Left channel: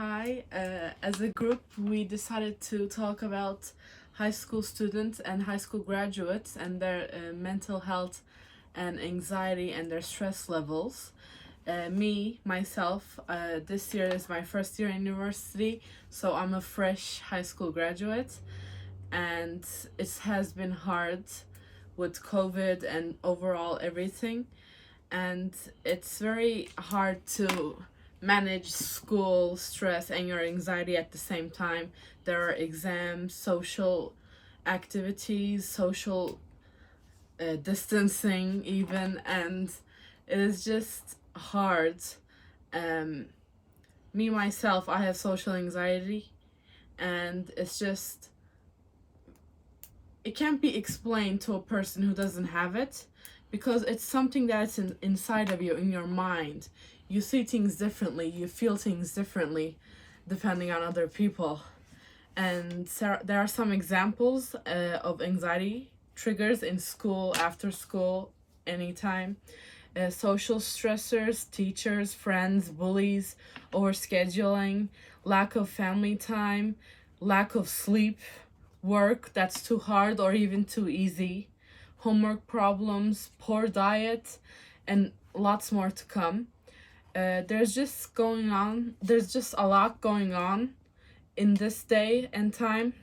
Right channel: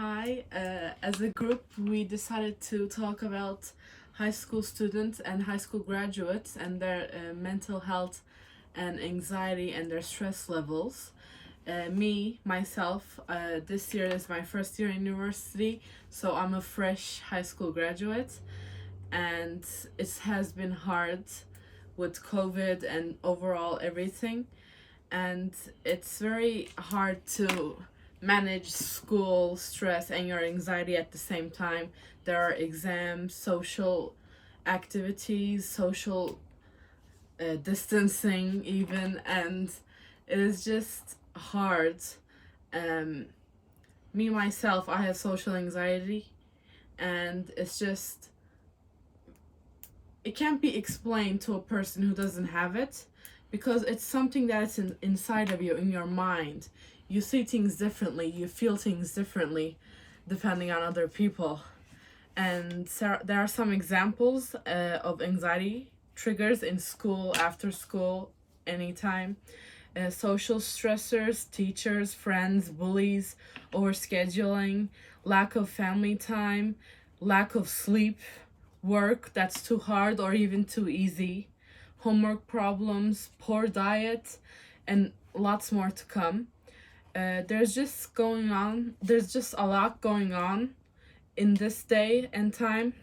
Hi, as a group, we decided to talk about high school students and high school graduates and their mental health and anxiety and their stress levels. Myself, this year is my first year in university, so I'm a fresh high school graduate, and it has been hard with COVID and overall everything, and it's very hard to manage school stress and your anxiety at the same time. There are exams, social activities, social distancing, even, and it is just hard. Um, myself, I have social anxiety, and it can't be explained to a person who doesn't have it because it's something that's inside of you, in your mind. You see things differently, you feel things differently depending on other people. And there are some examples of anxiety triggers in school, after school, anytime. Social stressors, teachers, friends, bullies, overscheduling, lack of family time, lack of sleep, work that's too hard or even too easy, homework problems, poor diet, and lots more to come. There's just a lot going on in this day and time,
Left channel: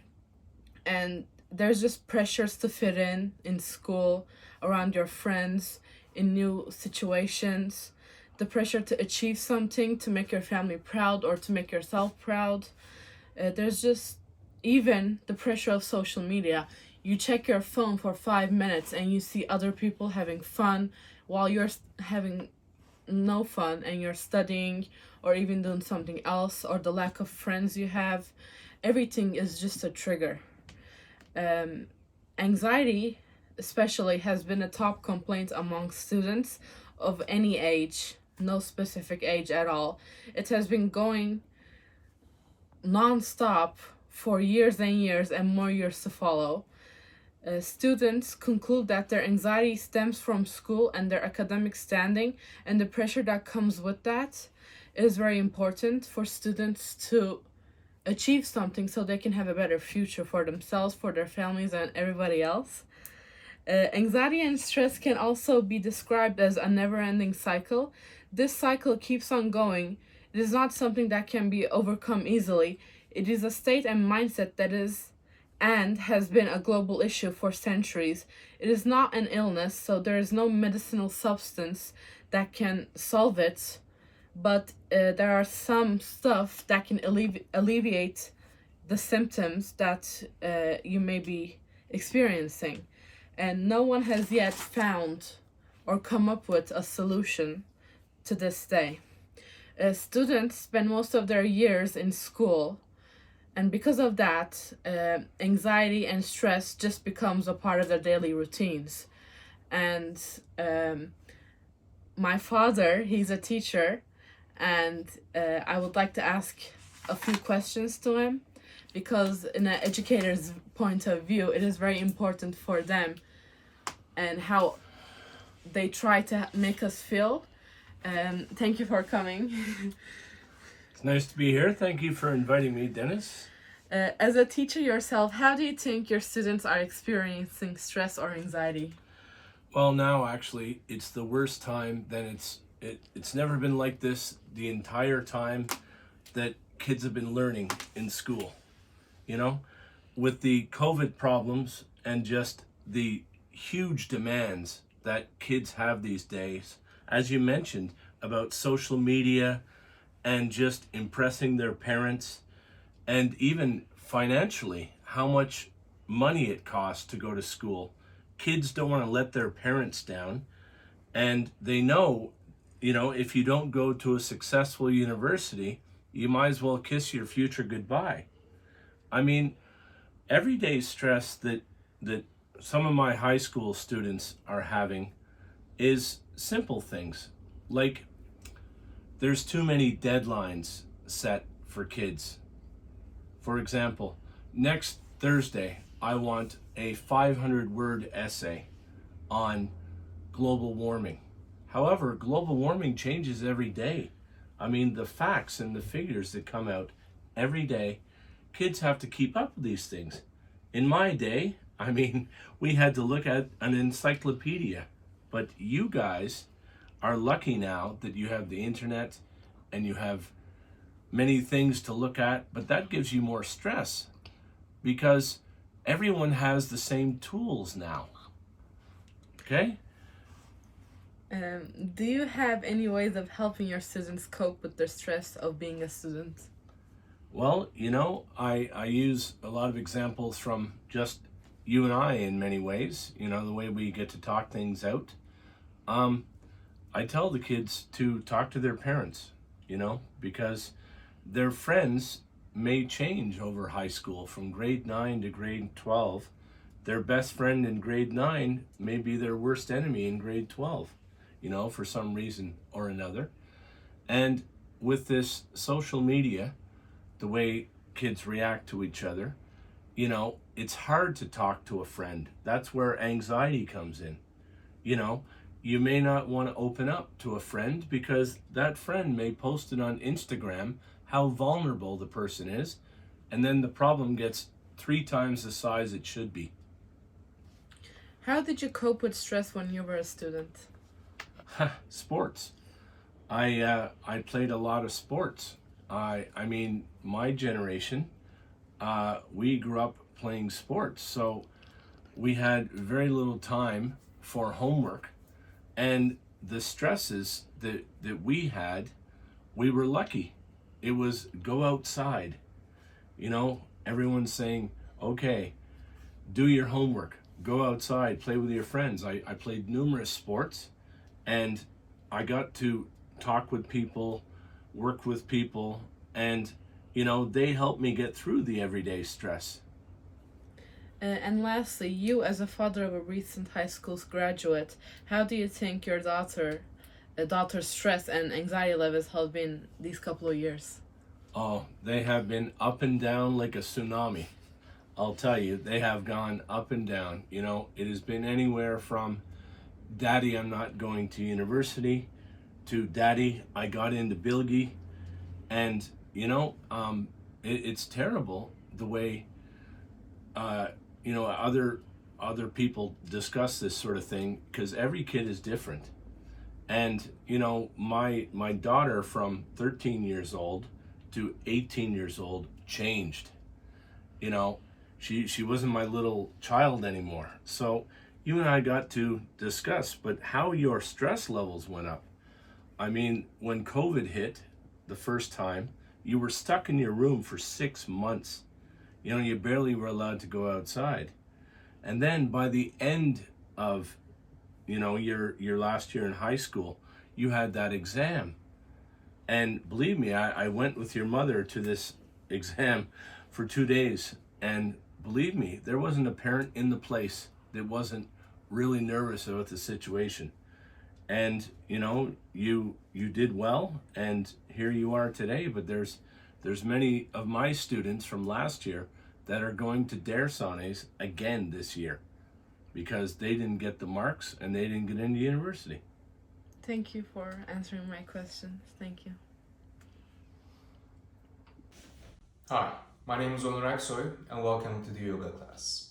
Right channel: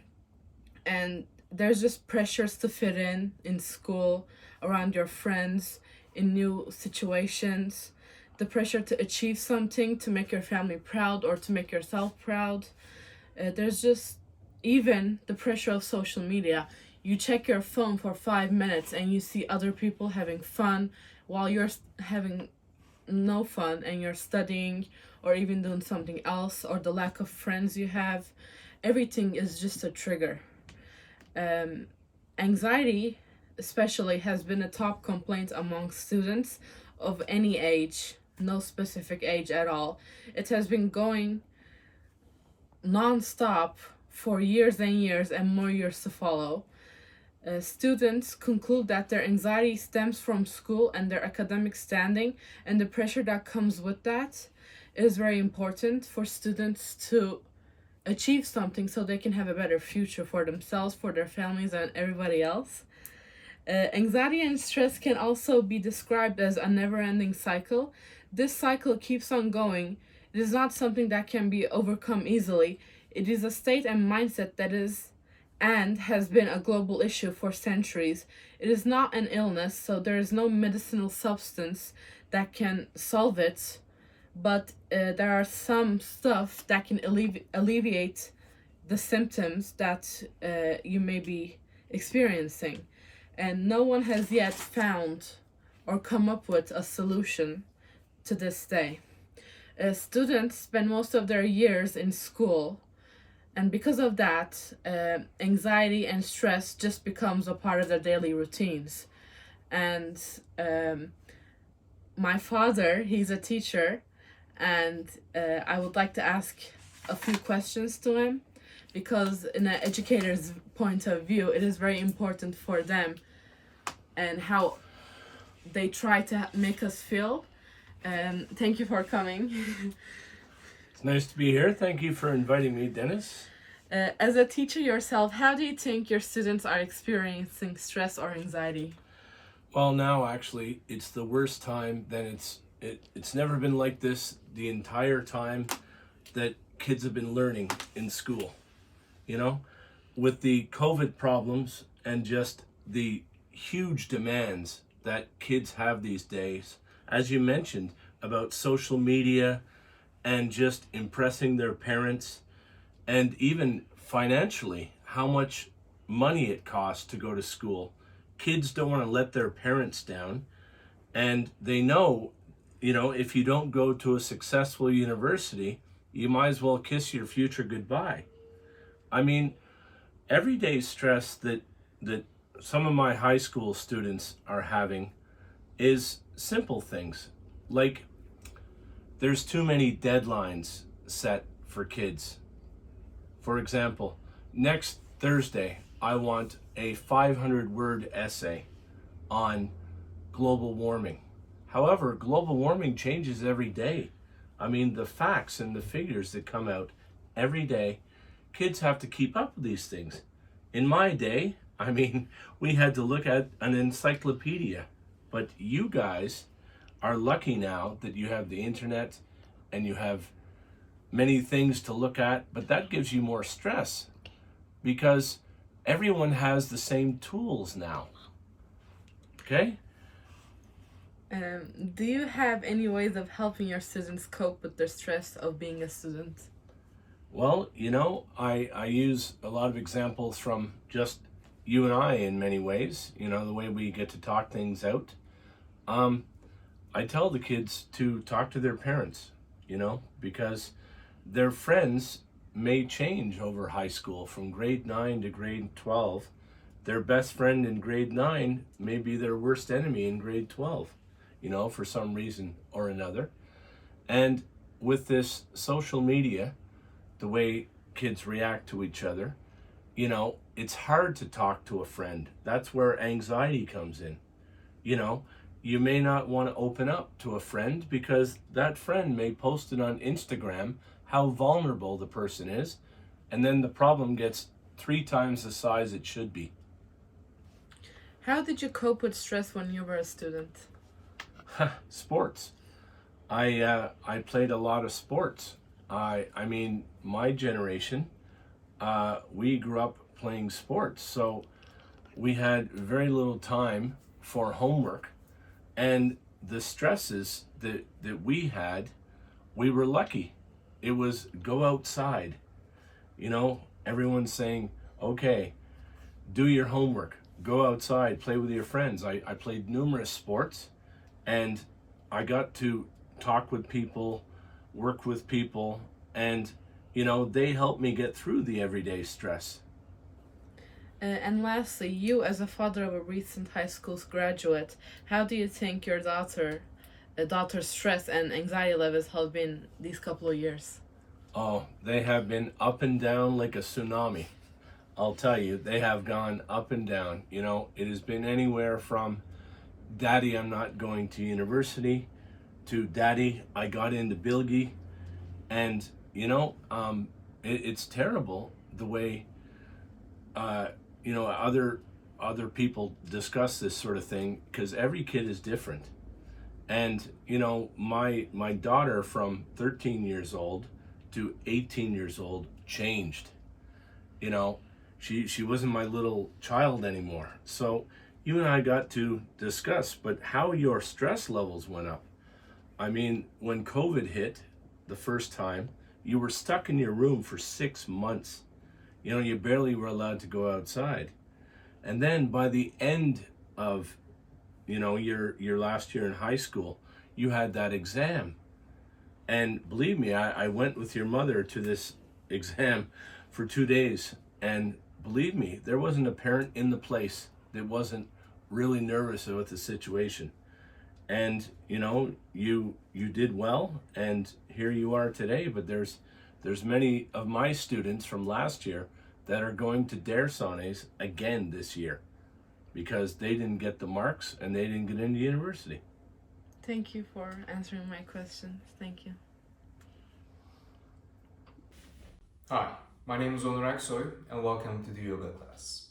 and there's just pressures to fit in school, around your friends, in new situations, the pressure to achieve something, to make your family proud or to make yourself proud. There's just even the pressure of social media. You check your phone for 5 minutes and you see other people having fun while you're having no fun and you're studying or even doing something else, or the lack of friends you have. Everything is just a trigger. Anxiety, especially, has been a top complaint among students of any age, no specific age at all. It has been going non-stop for years and years and more years to follow. Students conclude that their anxiety stems from school and their academic standing and the pressure that comes with that. It is very important for students to achieve something so they can have a better future for themselves, for their families, and everybody else. Anxiety and stress can also be described as a never-ending cycle. This cycle keeps on going. It is not something that can be overcome easily. It is a state and mindset that is and has been a global issue for centuries. It is not an illness, so there is no medicinal substance that can solve it, but there are some stuff that can alleviate the symptoms that you may be experiencing. And no one has yet found or come up with a solution to this day. Students spend most of their years in school, and because of that, anxiety and stress just becomes a part of their daily routines. And my father, he's a teacher, and I would like to ask a few questions to him, because in an educator's point of view, it is very important for them and how they try to make us feel. Thank you for coming. It's nice to be here. Thank you for inviting me, Deniz. As a teacher yourself, how do you think your students are experiencing stress or anxiety? Well, now actually, it's the worst time. It's never been like this the entire time that kids have been learning in school. You know, with the COVID problems and just the huge demands that kids have these days, as you mentioned, about social media and just impressing their parents, and even financially, how much money it costs to go to school. Kids don't want to let their parents down, and they know, if you don't go to a successful university, you might as well kiss your future goodbye. I mean, everyday stress that some of my high school students are having is simple things, like there's too many deadlines set for kids. For example, next Thursday, I want a 500-word essay on global warming. However, global warming changes every day. I mean, the facts and the figures that come out every day, kids have to keep up with these things. In my day, I mean, we had to look at an encyclopedia. But you guys are lucky now that you have the internet and you have many things to look at, but that gives you more stress because everyone has the same tools now. Okay? Do you have any ways of helping your students cope with the stress of being a student? Well, I use a lot of examples from just you and I in many ways, the way we get to talk things out. I tell the kids to talk to their parents, because their friends may change over high school from grade 9 to grade 12. Their best friend in grade 9 may be their worst enemy in grade 12, for some reason or another. And with this social media, the way kids react to each other, it's hard to talk to a friend. That's where anxiety comes in. You may not want to open up to a friend because that friend may post it on Instagram how vulnerable the person is, and then the problem gets 3 times the size it should be. How did you cope with stress when you were a student? Sports. I played a lot of sports. I mean, my generation, we grew up playing sports, so we had very little time for homework, and the stresses that we had, we were lucky. It was go outside. Everyone's saying, okay, do your homework, go outside, play with your friends. I played numerous sports, and I got to talk with people, work with people, and they helped me get through the everyday stress. And lastly, you as a father of a recent high school graduate, how do you think your daughter's stress and anxiety levels have been these couple of years? Oh, they have been up and down like a tsunami. I'll tell you, they have gone up and down. It has been anywhere from, Daddy, I'm not going to university, to Daddy, I got into Bilgi. And, it's terrible the way, other people discuss this sort of thing because every kid is different. And, my daughter from 13 years old to 18 years old changed. She wasn't my little child anymore. So you and I got to discuss, but how your stress levels went up. I mean, when COVID hit the first time, you were stuck in your room for 6 months. You barely were allowed to go outside. And then by the end of, your last year in high school, you had that exam. And believe me, I went with your mother to this exam for 2 days. And believe me, there wasn't a parent in the place that wasn't really nervous about the situation. And you did well, and here you are today. But there's many of my students from last year that are going to Der Sanes again this year because they didn't get the marks and they didn't get into university. Thank you for answering my questions. Thank you. Hi, my name is Onur Aksoy and welcome to the yoga class.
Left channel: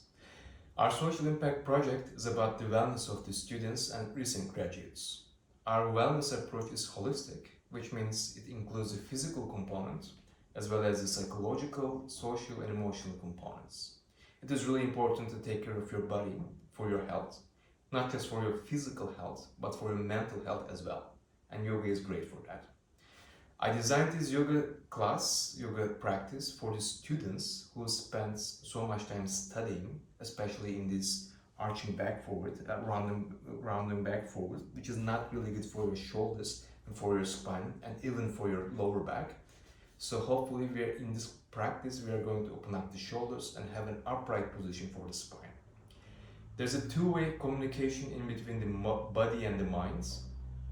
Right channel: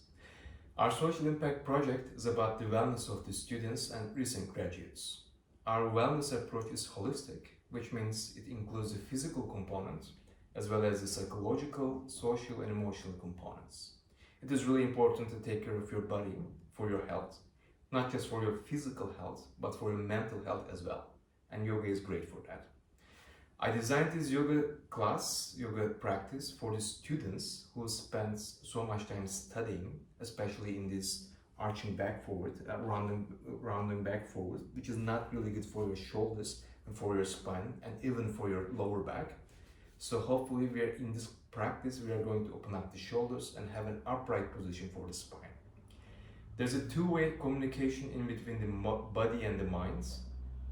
Our social impact project is about the wellness of the students and recent graduates. Our wellness approach is holistic, which means it includes a physical component as well as the psychological, social, and emotional components. It is really important to take care of your body for your health, not just for your physical health, but for your mental health as well. And yoga is great for that. I designed this yoga practice for the students who spend so much time studying, especially in this arching back forward, rounding back forward, which is not really good for your shoulders and for your spine and even for your lower back. So hopefully in this practice, we are going to open up the shoulders and have an upright position for the spine. There's a two-way communication in between the body and the mind.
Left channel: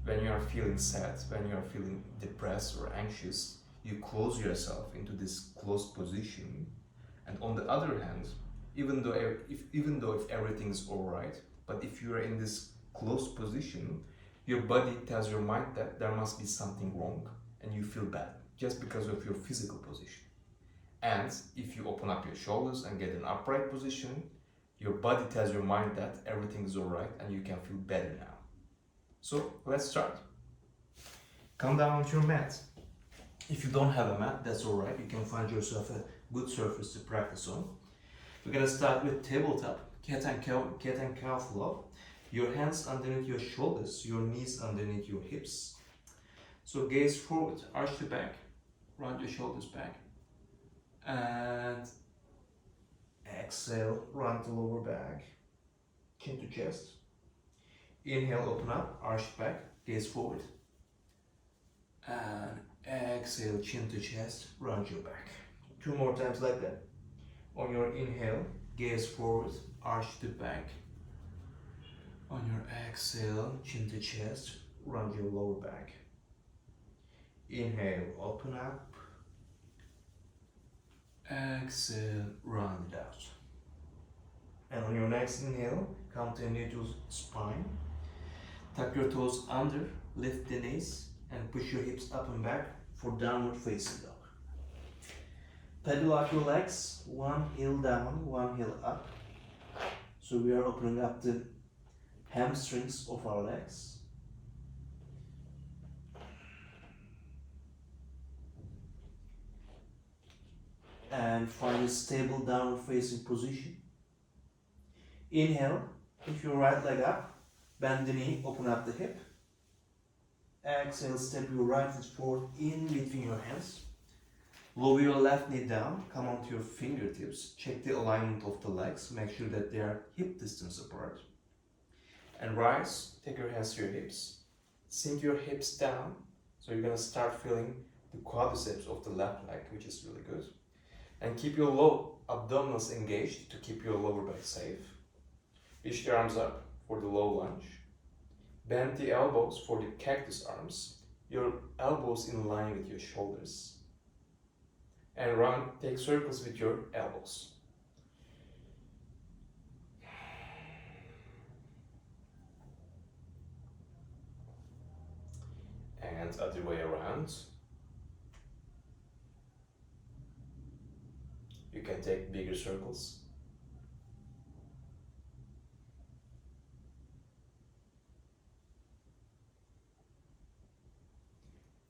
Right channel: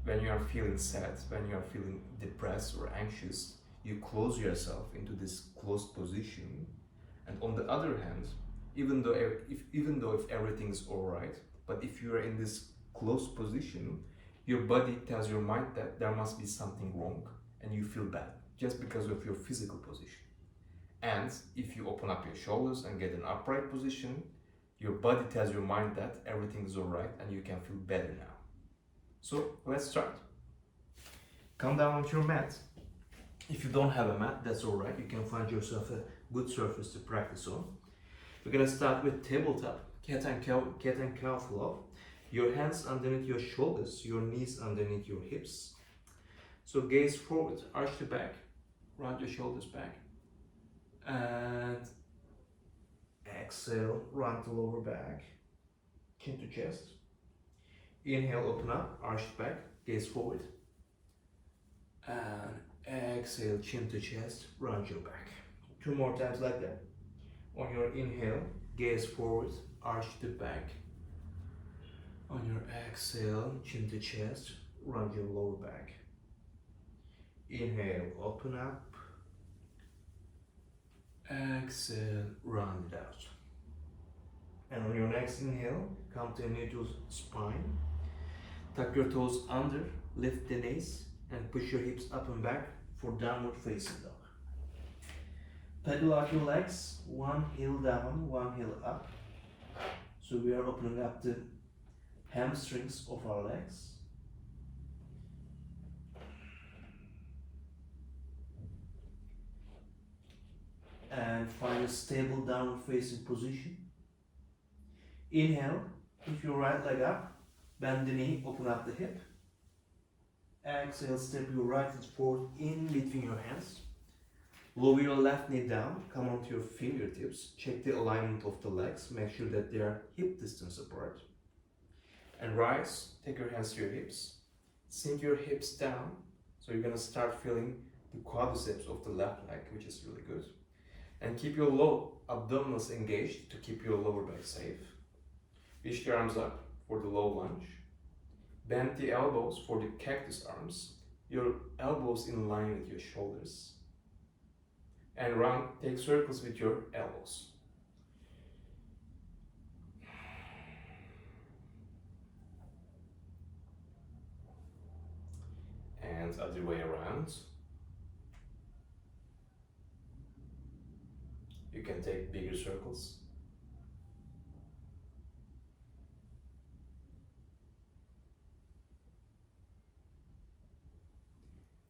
When you are feeling sad, when you are feeling depressed or anxious, you close yourself into this closed position. And on the other hand, even though if everything is all right, but if you are in this closed position, your body tells your mind that there must be something wrong and you feel bad just because of your physical position. And if you open up your shoulders and get an upright position, your body tells your mind that everything is alright and you can feel better now. So let's start. Come down onto your mat. If you don't have a mat, that's alright. You can find yourself a good surface to practice on. We're gonna start with tabletop, cat and cow flow. Your hands underneath your shoulders, your knees underneath your hips. So gaze forward, arch the back, round your shoulders back, and exhale, round the lower back, chin to chest. Inhale, open up, arch the back, gaze forward, and exhale, chin to chest, round your back. 2 more times like that. On your inhale, gaze forward, arch the back. On your exhale, chin to chest, round your lower back. Inhale, open up. Exhale, round it out. And on your next inhale, come to a neutral spine. Tuck your toes under, lift the knees, and push your hips up and back for downward facing dog. Pedal out your legs, one heel down, one heel up. So we are opening up the hamstrings of our legs. And find a stable downward facing position. Inhale, lift your right leg up, bend the knee, open up the hip. Exhale, step your right foot forward in between your hands. Lower your left knee down, come onto your fingertips, check the alignment of the legs, make sure that they are hip distance apart. And rise, take your hands to your hips, sink your hips down, so you're gonna start feeling the quadriceps of the left leg, which is really good. And keep your low abdominals engaged to keep your lower back safe. Reach the arms up for the low lunge. Bend the elbows for the cactus arms, your elbows in line with your shoulders. And run, take circles with your elbows. And other way around. You can take bigger circles.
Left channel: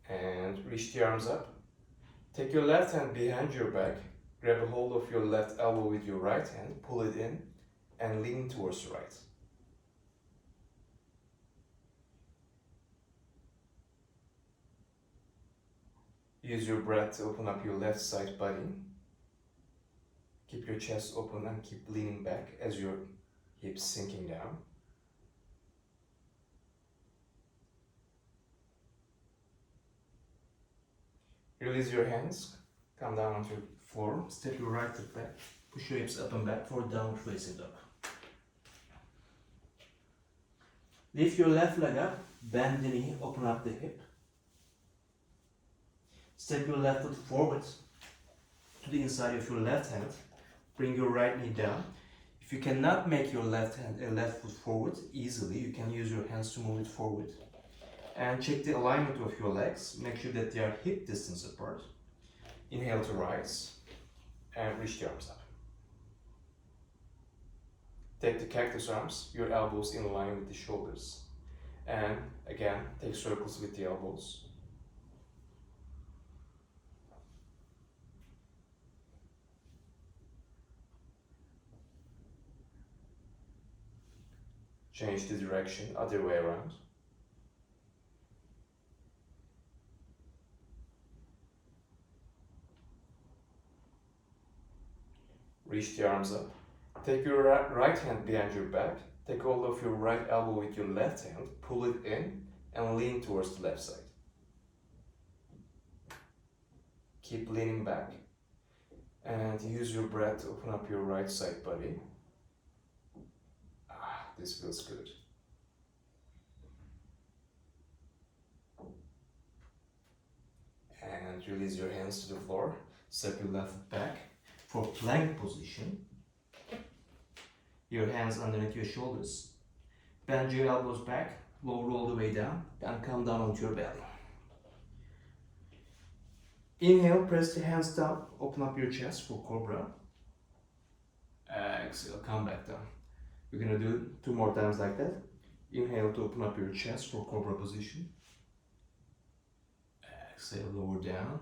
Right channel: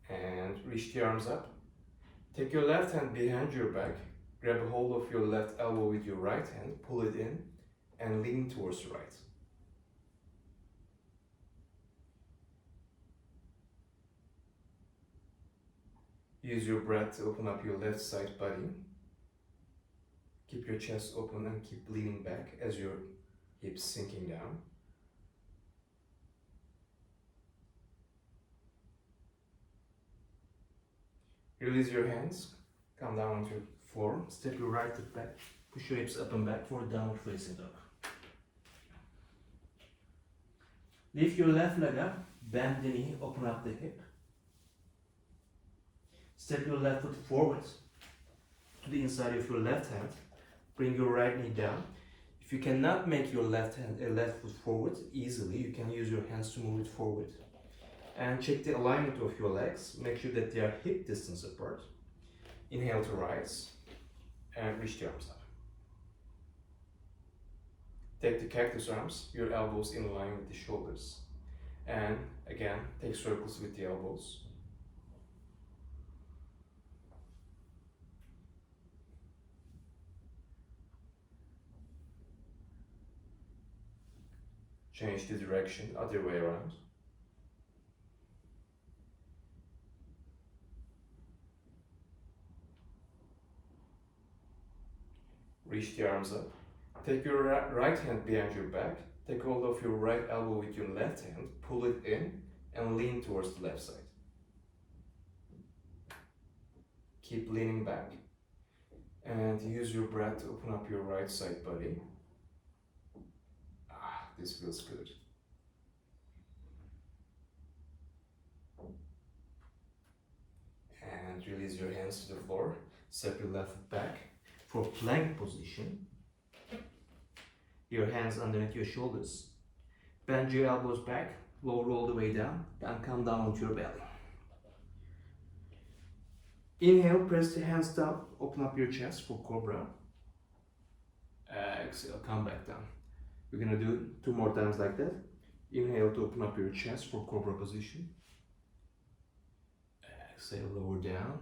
And reach the arms up. Take your left hand behind your back, grab a hold of your left elbow with your right hand, pull it in, and lean towards the right. Use your breath to open up your left side body. Keep your chest open and keep leaning back as your hips sinking down. Release your hands, come down onto the floor, step your right foot back, push your hips up and back for downward facing dog. Lift your left leg up, bend the knee, open up the hip. Step your left foot forward to the inside of your left hand, bring your right knee down. If you cannot make your left foot forward easily, you can use your hands to move it forward. And check the alignment of your legs. Make sure that they are hip distance apart. Inhale to rise and reach the arms up. Take the cactus arms, your elbows in line with the shoulders. And again, take circles with the elbows. Change the direction, other way around. Reach the arms up. Take your right hand behind your back. Take hold of your right elbow with your left hand. Pull it in and lean towards the left side. Keep leaning back. And use your breath to open up your right side body. This feels good. And release your hands to the floor. Step your left foot back for plank position. Your hands underneath your shoulders. Bend your elbows back, lower all the way down, and come down onto your belly. Inhale, press the hands down, open up your chest for cobra. Exhale, come back down. We're gonna do 2 more times like that. Inhale to open up your chest for cobra position. Exhale, lower down.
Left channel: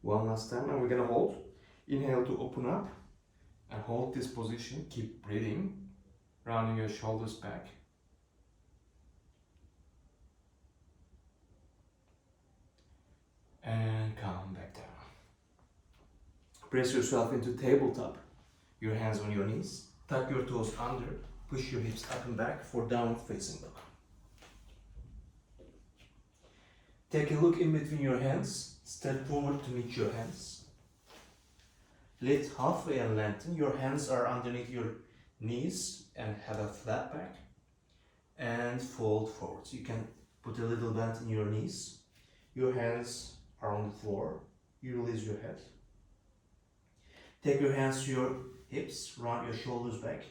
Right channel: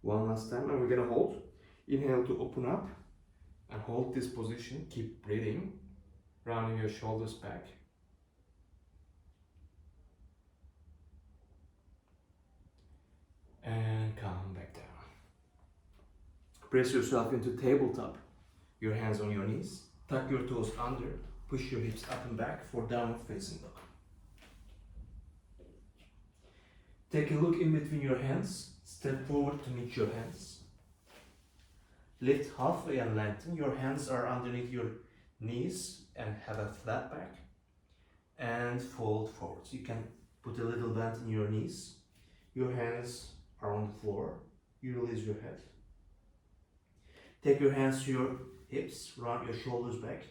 One last time, and we're gonna hold. Inhale to open up and hold this position. Keep breathing, rounding your shoulders back. And come back down. Press yourself into tabletop. Your hands on your knees. Tuck your toes under. Push your hips up and back for downward facing dog. Take a look in between your hands. Step forward to meet your hands. Lift halfway and lengthen. Your hands are underneath your knees and have a flat back. And fold forward. You can put a little bend in your knees. Your hands are on the floor. You release your head. Take your hands to your hips. Round your shoulders back.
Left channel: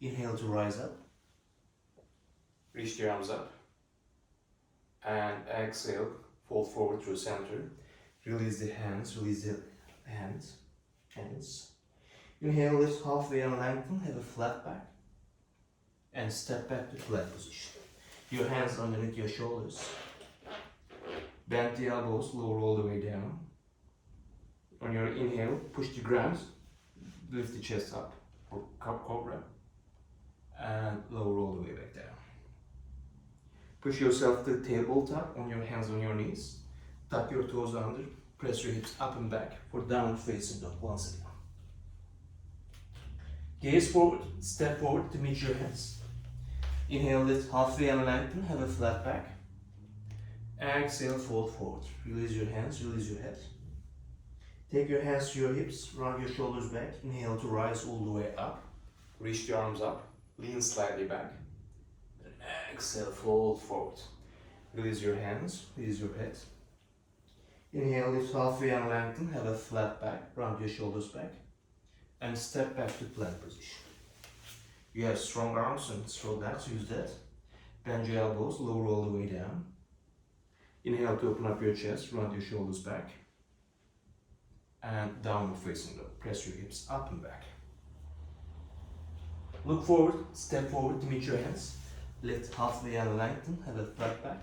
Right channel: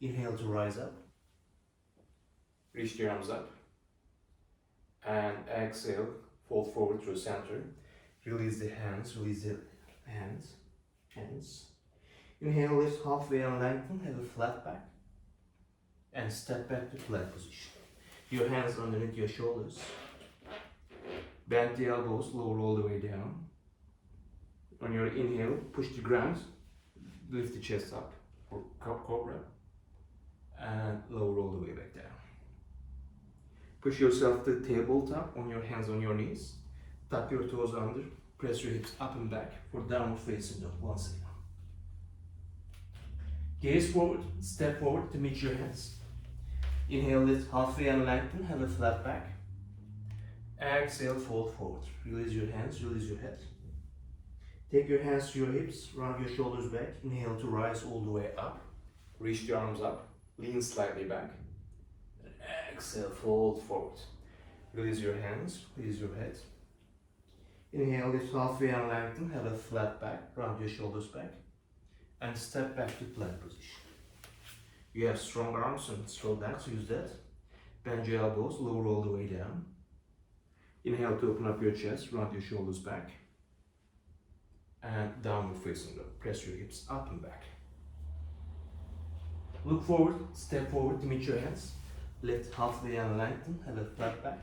Inhale to rise up. Reach the arms up. And exhale. Fold forward through center. Release the hands. Release the hands. Inhale, lift halfway and lengthen. Have a flat back. And step back to plank position. Your hands underneath your shoulders. Bend the elbows, lower all the way down. On your inhale, push the ground. Lift the chest up for cobra. And lower all the way back down. Push yourself to the tabletop on your hands on your knees. Tuck your toes under. Press your hips up and back for downward facing dog once again. Gaze forward, step forward to meet your hands. Inhale, lift halfway and lengthen. Have a flat back. Exhale, fold forward. Release your hands, release your head. Take your hands to your hips, round your shoulders back. Inhale to rise all the way up. Reach the arms up, lean slightly back. And exhale, fold forward. Release your hands, release your head. Inhale, lift halfway and lengthen. Have a flat back, round your shoulders back. And step back to plank position. You have strong arms and strong legs, use that. Bend your elbows, lower all the way down. Inhale to open up your chest, round your shoulders back. And downward facing dog. Press your hips up and back. Look forward, step forward to meet your hands. Lift halfway and lengthen, have a flat back.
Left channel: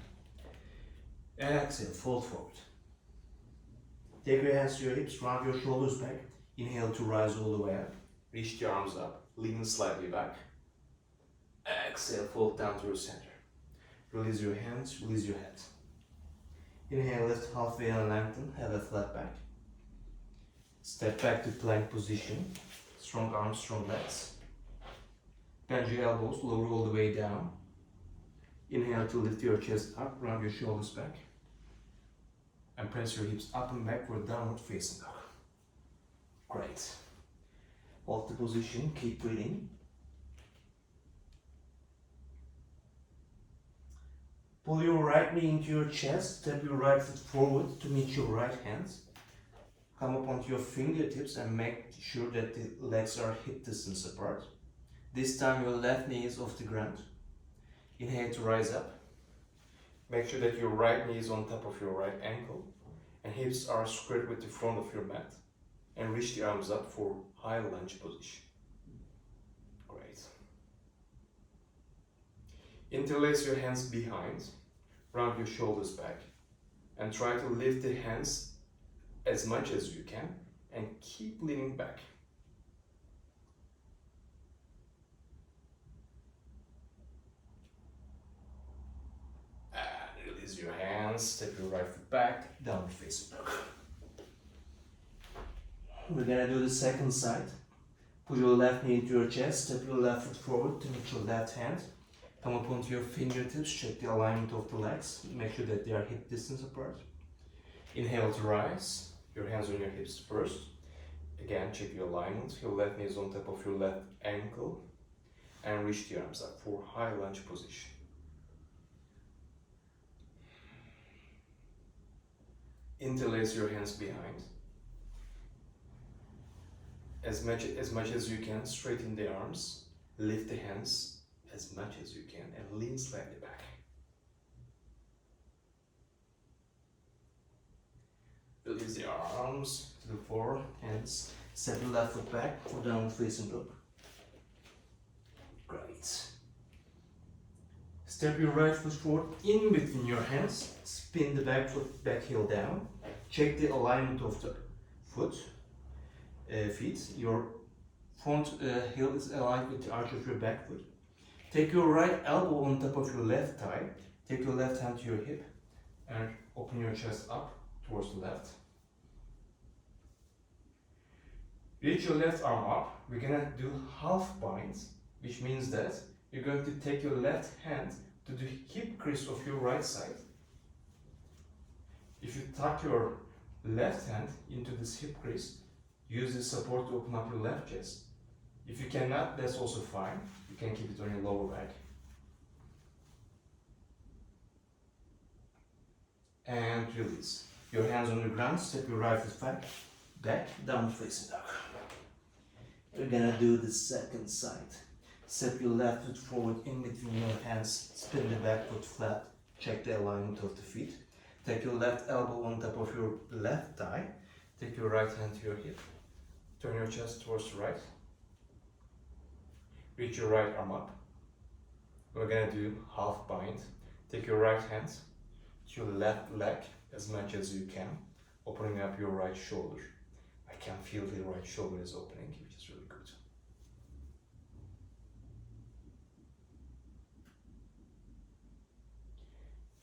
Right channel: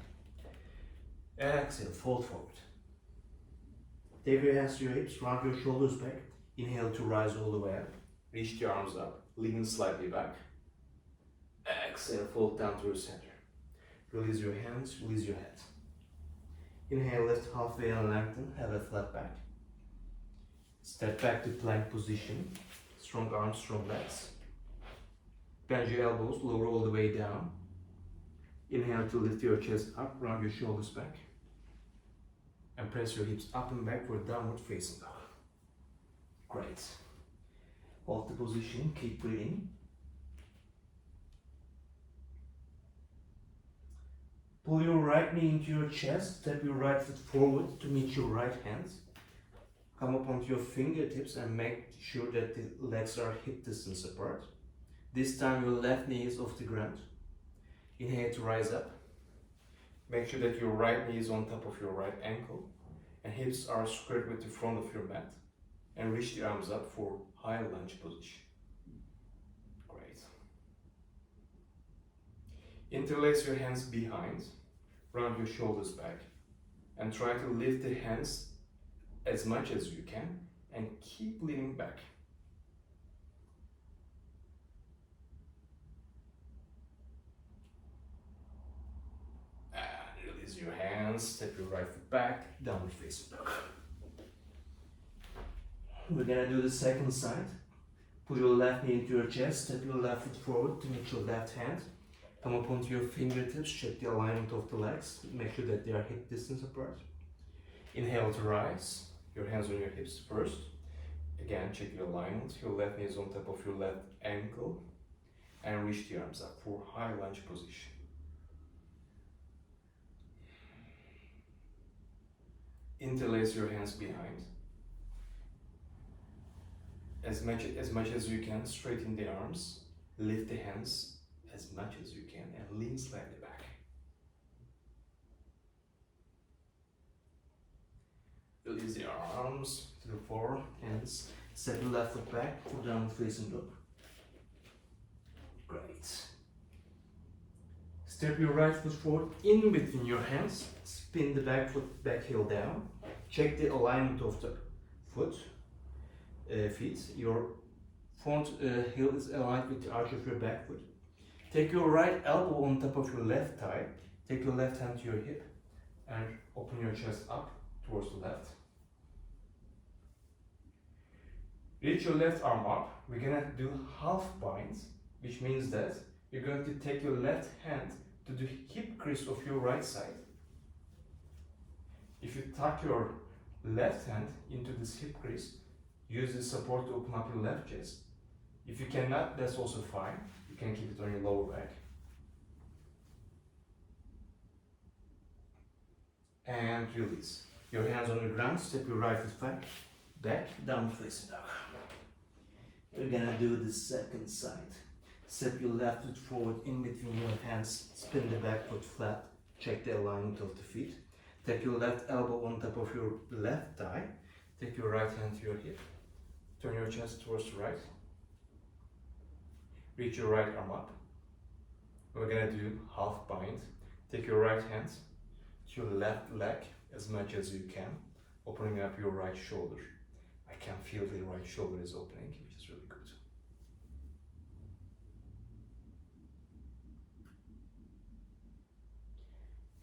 Exhale, fold forward. Take your hands to your hips, round your shoulders back. Inhale to rise all the way up. Reach the arms up, lean slightly back. Exhale, fold down to your center. Release your hands, release your head. Inhale, lift halfway and lengthen, have a flat back. Step back to plank position. Strong arms, strong legs. Bend your elbows, lower all the way down. Inhale to lift your chest up, round your shoulders back. And press your hips up and back for a downward facing dog. Great. Hold the position, keep breathing. Pull your right knee into your chest, step your right foot forward to meet your right hands. Come up onto your fingertips and make sure that the legs are hip distance apart. This time your left knee is off the ground. Inhale to rise up. Make sure that your right knee is on top of your right ankle and hips are squared with the front of your mat. And reach the arms up for high lunge position. Great. Interlace your hands behind, round your shoulders back, and try to lift the hands as much as you can and keep leaning back. And release your hands, step your right foot back, downward facing dog. We're gonna do the second side. Put your left knee into your chest, step your left foot forward to meet your left hand. Come up onto your fingertips, check the alignment of the legs, make sure that they are hip distance apart. Inhale to rise, your hands on your hips first. Again, check your alignment, your left knee is on top of your left ankle. And reach the arms up for high lunge position. Interlace your hands behind. As much as you can, straighten the arms, lift the hands as much as you can and lean slightly back. Release the arms to the floor, hands. Step your left foot back for downward facing dog. Great. Step your right foot forward in between your hands. Spin the back foot, back heel down. Check the alignment of the feet. Your front heel is aligned with the arch of your back foot. Take your right elbow on top of your left thigh. Take your left hand to your hip and open your chest up towards the left. Reach your left arm up. We're gonna do half binds, which means that you're going to take your left hand to the hip crease of your right side. If you tuck your left hand into this hip crease, use this support to open up your left chest. If you cannot, that's also fine. You can keep it on your lower back. And release. Your hands on the ground, step your right foot back, downward facing dog. We're gonna do the second side. Step your left foot forward in between your hands, spin the back foot flat, check the alignment of the feet. Take your left elbow on top of your left thigh, take your right hand to your hip, turn your chest towards the right, reach your right arm up. We're gonna do half bind. Take your right hand to your left leg as much as you can, opening up your right shoulder. I can feel the right shoulder is opening, which is really good.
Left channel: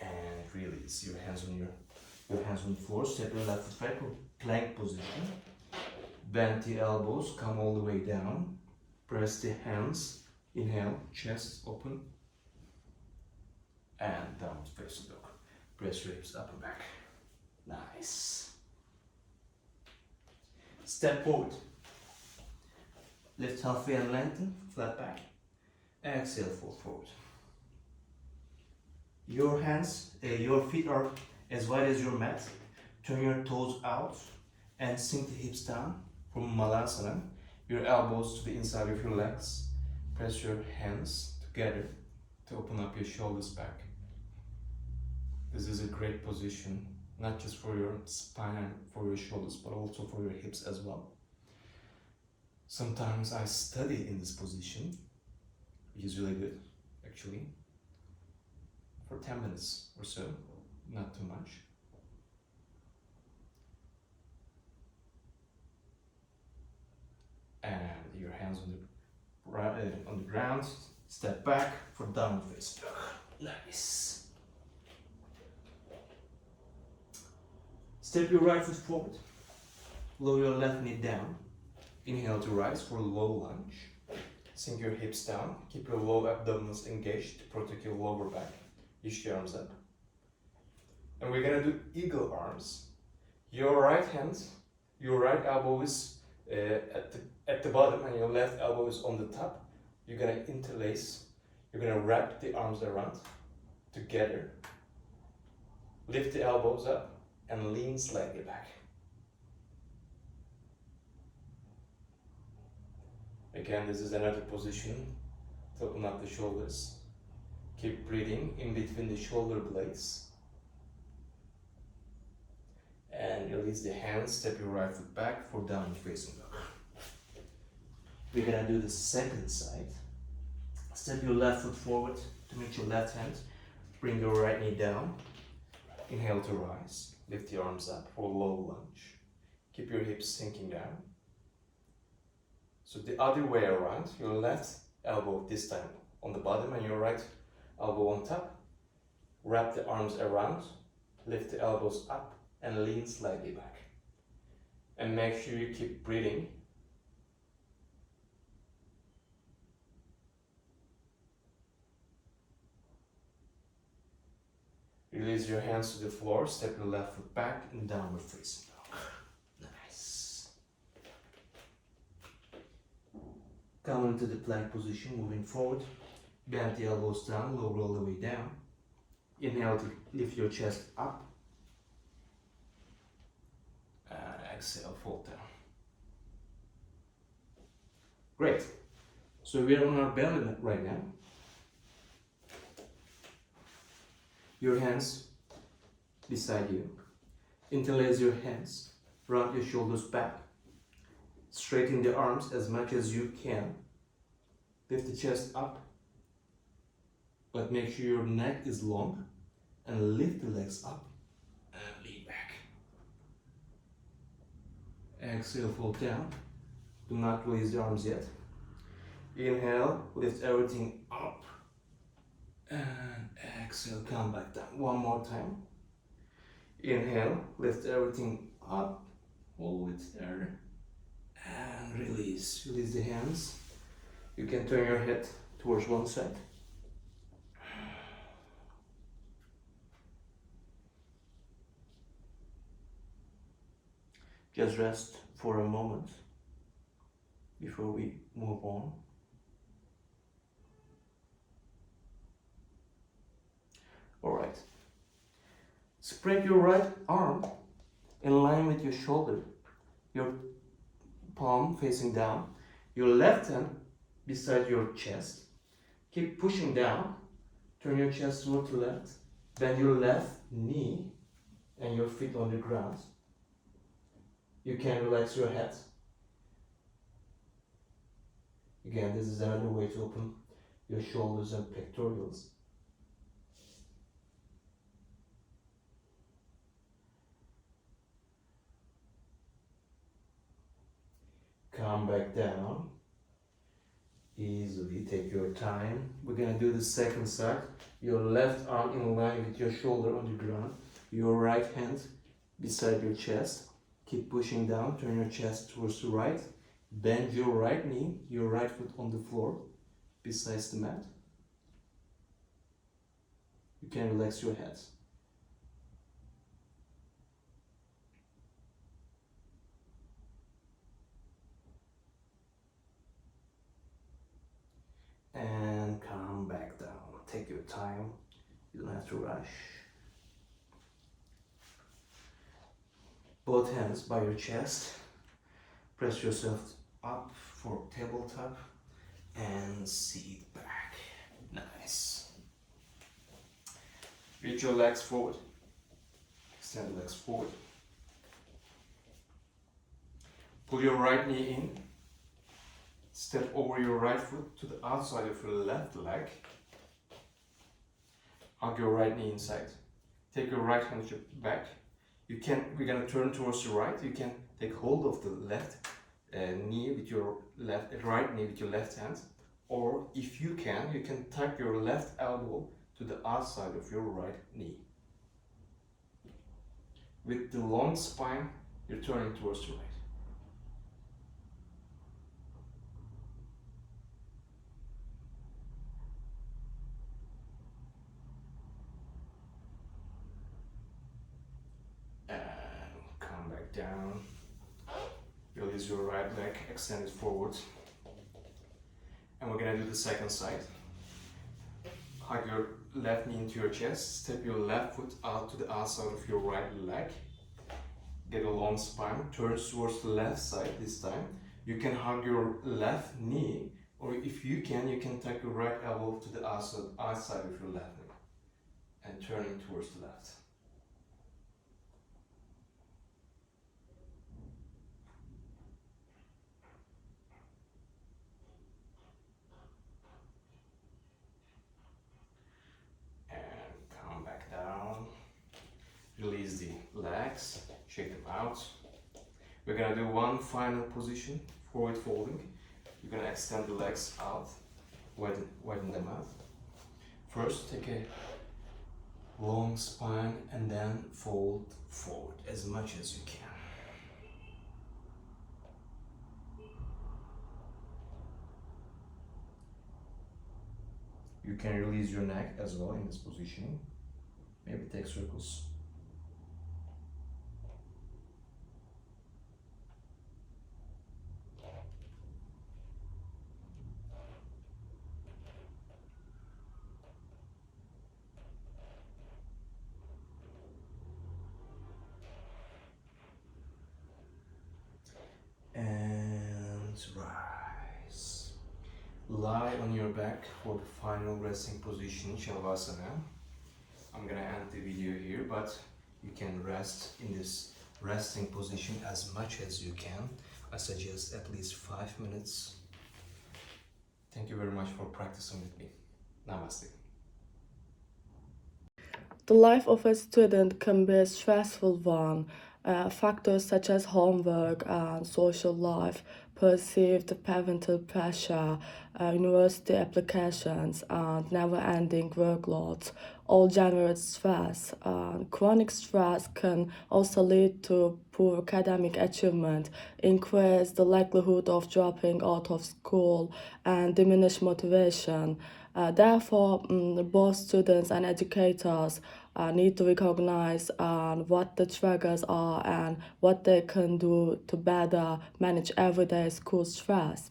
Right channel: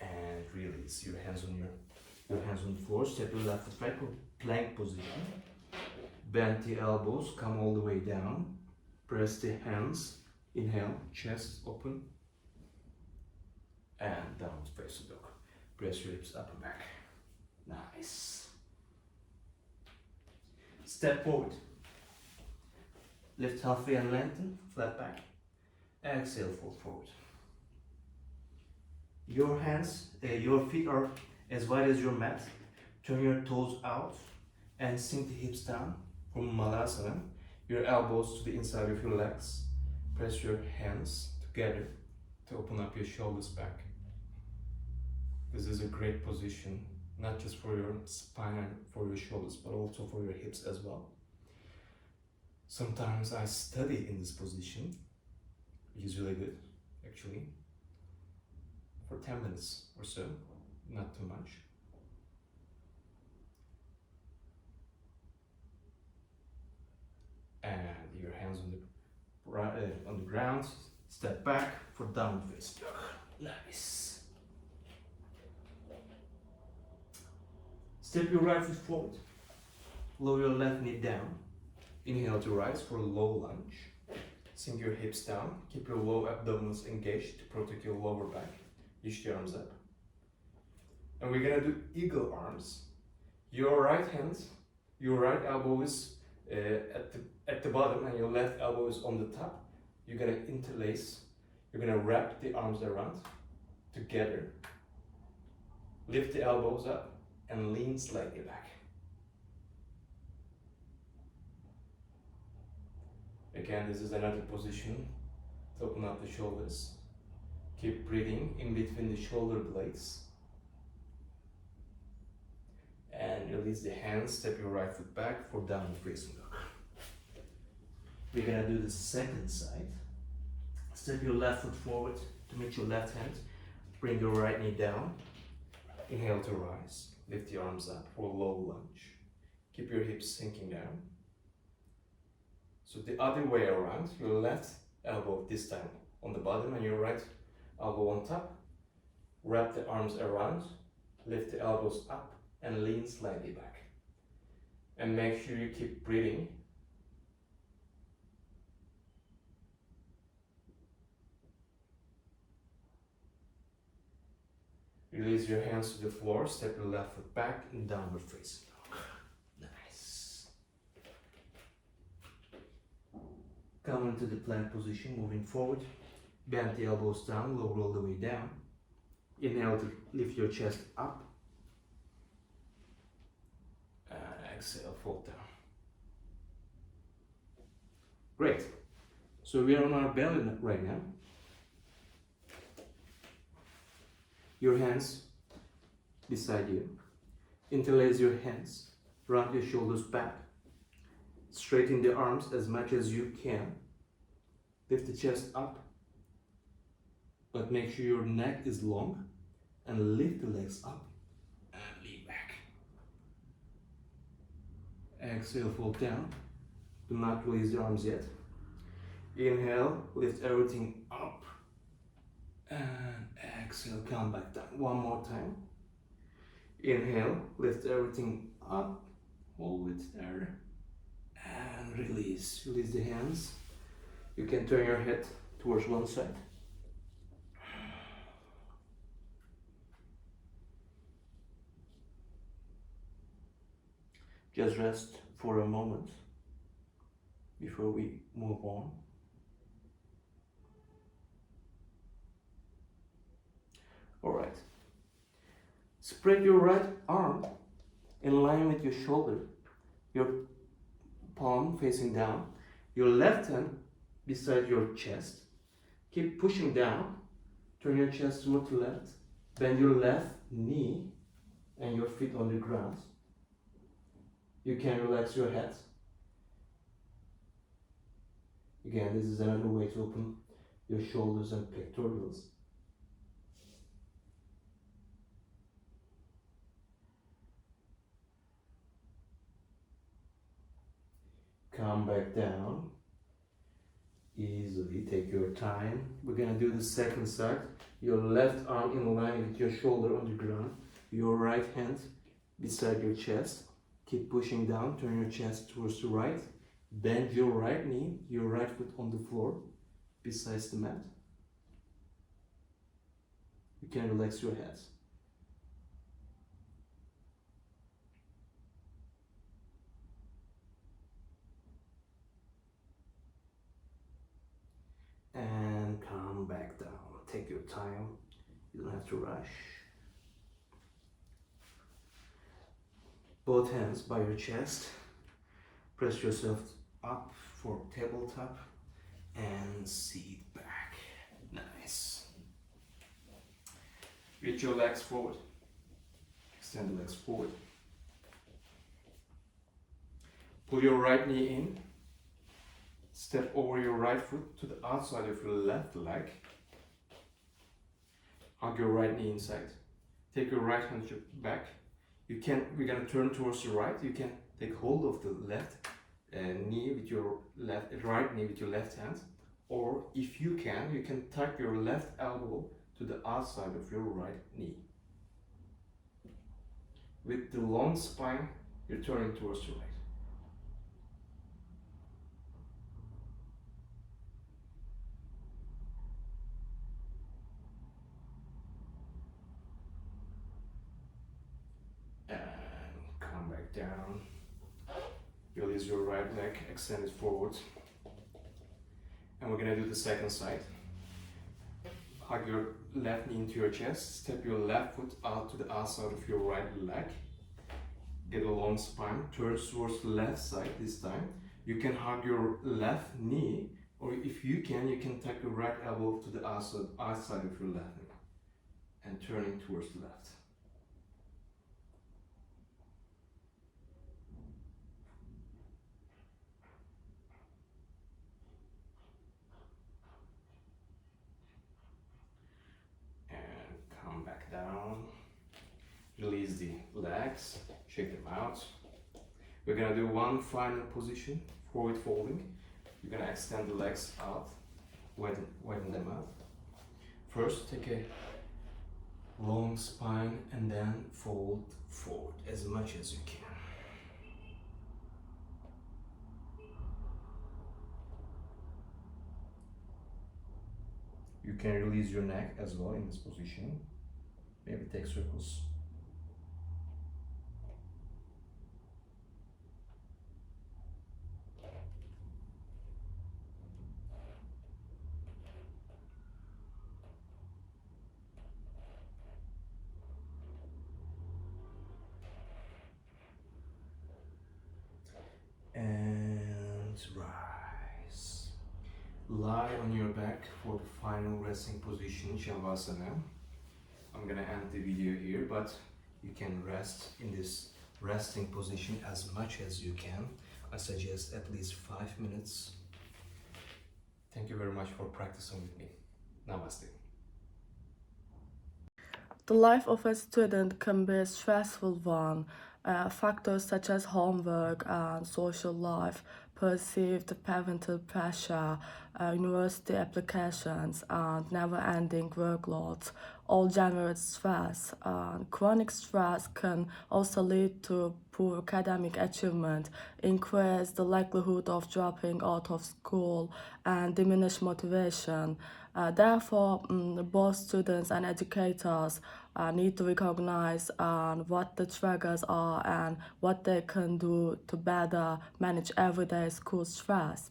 And release. Your hands on the floor. Step your left foot back for plank position. Bend the elbows, come all the way down. Press the hands. Inhale, chest open. And down face the dog. Press your hips up and back. Nice. Step forward. Lift halfway and lengthen, flat back. Exhale, fold forward. Your feet are as wide as your mat. Turn your toes out and sink the hips down from Malasana. Your elbows to the inside of your legs. Press your hands together to open up your shoulders back. This is a great position, not just for your spine and for your shoulders, but also for your hips as well. Sometimes I study in this position, which is really good, actually, for 10 minutes or so, not too much. And your hands on the ground, step back for downward facing dog. Nice. Step your right foot forward. Lower your left knee down. Inhale to rise for a low lunge. Sink your hips down. Keep your low abdominals engaged to protect your lower back. Reach the arms up. And we're gonna do eagle arms. Your right hand, your right elbow is at the bottom and your left elbow is on the top. You're gonna interlace. You're gonna wrap the arms around together. Lift the elbows up and lean slightly back. Again, this is another position to open up the shoulders. Keep breathing in between the shoulder blades. And release the hands, step your right foot back for downward facing dog. We're gonna do the second side. Step your left foot forward to meet your left hand. Bring your right knee down. Inhale to rise. Lift the arms up for a low lunge. Keep your hips sinking down. So the other way around, your left elbow this time on the bottom and your right elbow on top. Wrap the arms around, lift the elbows up and lean slightly back. And make sure you keep breathing. Release your hands to the floor, step your left foot back and downward facing dog. Nice. Come into the plank position, moving forward. Bend the elbows down, lower all the way down. Inhale to lift your chest up. And exhale, fold down. Great. So we are on our belly right now. Your hands beside you. Interlace your hands, round your shoulders back, straighten the arms as much as you can, lift the chest up, but make sure your neck is long, and lift the legs up and lean back. Exhale, fold down. Do not release the arms yet. Inhale, lift everything up, and exhale, come back down. One more time. Inhale, lift everything up, hold it there, and release. Release the hands. You can turn your head towards one side. Just rest for a moment before we move on. All right. Spread your right arm in line with your shoulder, your palm facing down, your left hand beside your chest. Keep pushing down. Turn your chest toward the left. Bend your left knee and your feet on the ground. You can relax your head. Again, this is another way to open your shoulders and pectorals. Come back down. Easily, take your time. We're gonna do the second side. Your left arm in line with your shoulder on the ground. Your right hand beside your chest. Keep pushing down, turn your chest towards the right. Bend your right knee, your right foot on the floor, besides the mat. You can relax your head. And come back down. Take your time. You don't have to rush. Both hands by your chest. Press yourself up for tabletop and seat back. Nice. Reach your legs forward. Extend the legs forward. Pull your right knee in. Step over your right foot to the outside of your left leg. Hug your right knee inside. Take your right hand back. We're gonna turn towards the right. You can take hold of the left knee with your right knee with your left hand, or if you can tuck your left elbow to the outside of your right knee. With the long spine, you're turning towards the right. Down. Release your right leg, extend it forward. And we're gonna do the second side. Hug your left knee into your chest, step your left foot out to the outside of your right leg. Get a long spine, turn towards the left side this time. You can hug your left knee, or if you can tuck your right elbow to the outside of your left knee and turning towards the left. Release the legs, shake them out. We're gonna do one final position, forward folding. You're gonna extend the legs out, widen them out. First, take a long spine and then fold forward as much as you can. You can release your neck as well in this position. Maybe take circles. And rise. Lie on your back for the final resting position, Shavasana. I'm gonna end the video here, but You can rest in this resting position as much as you can. I suggest at least 5 minutes. Thank you very much for practicing with me. Namaste. The life of a student can be a stressful one. Factors such as homework and social life, perceived parental pressure, university applications, and never ending workloads all generate stress. Chronic stress can also lead to poor academic achievement, increase the likelihood of dropping out of school, and diminish motivation. Therefore, both students and educators need to recognize what the triggers are and what they can do to better manage everyday school stress.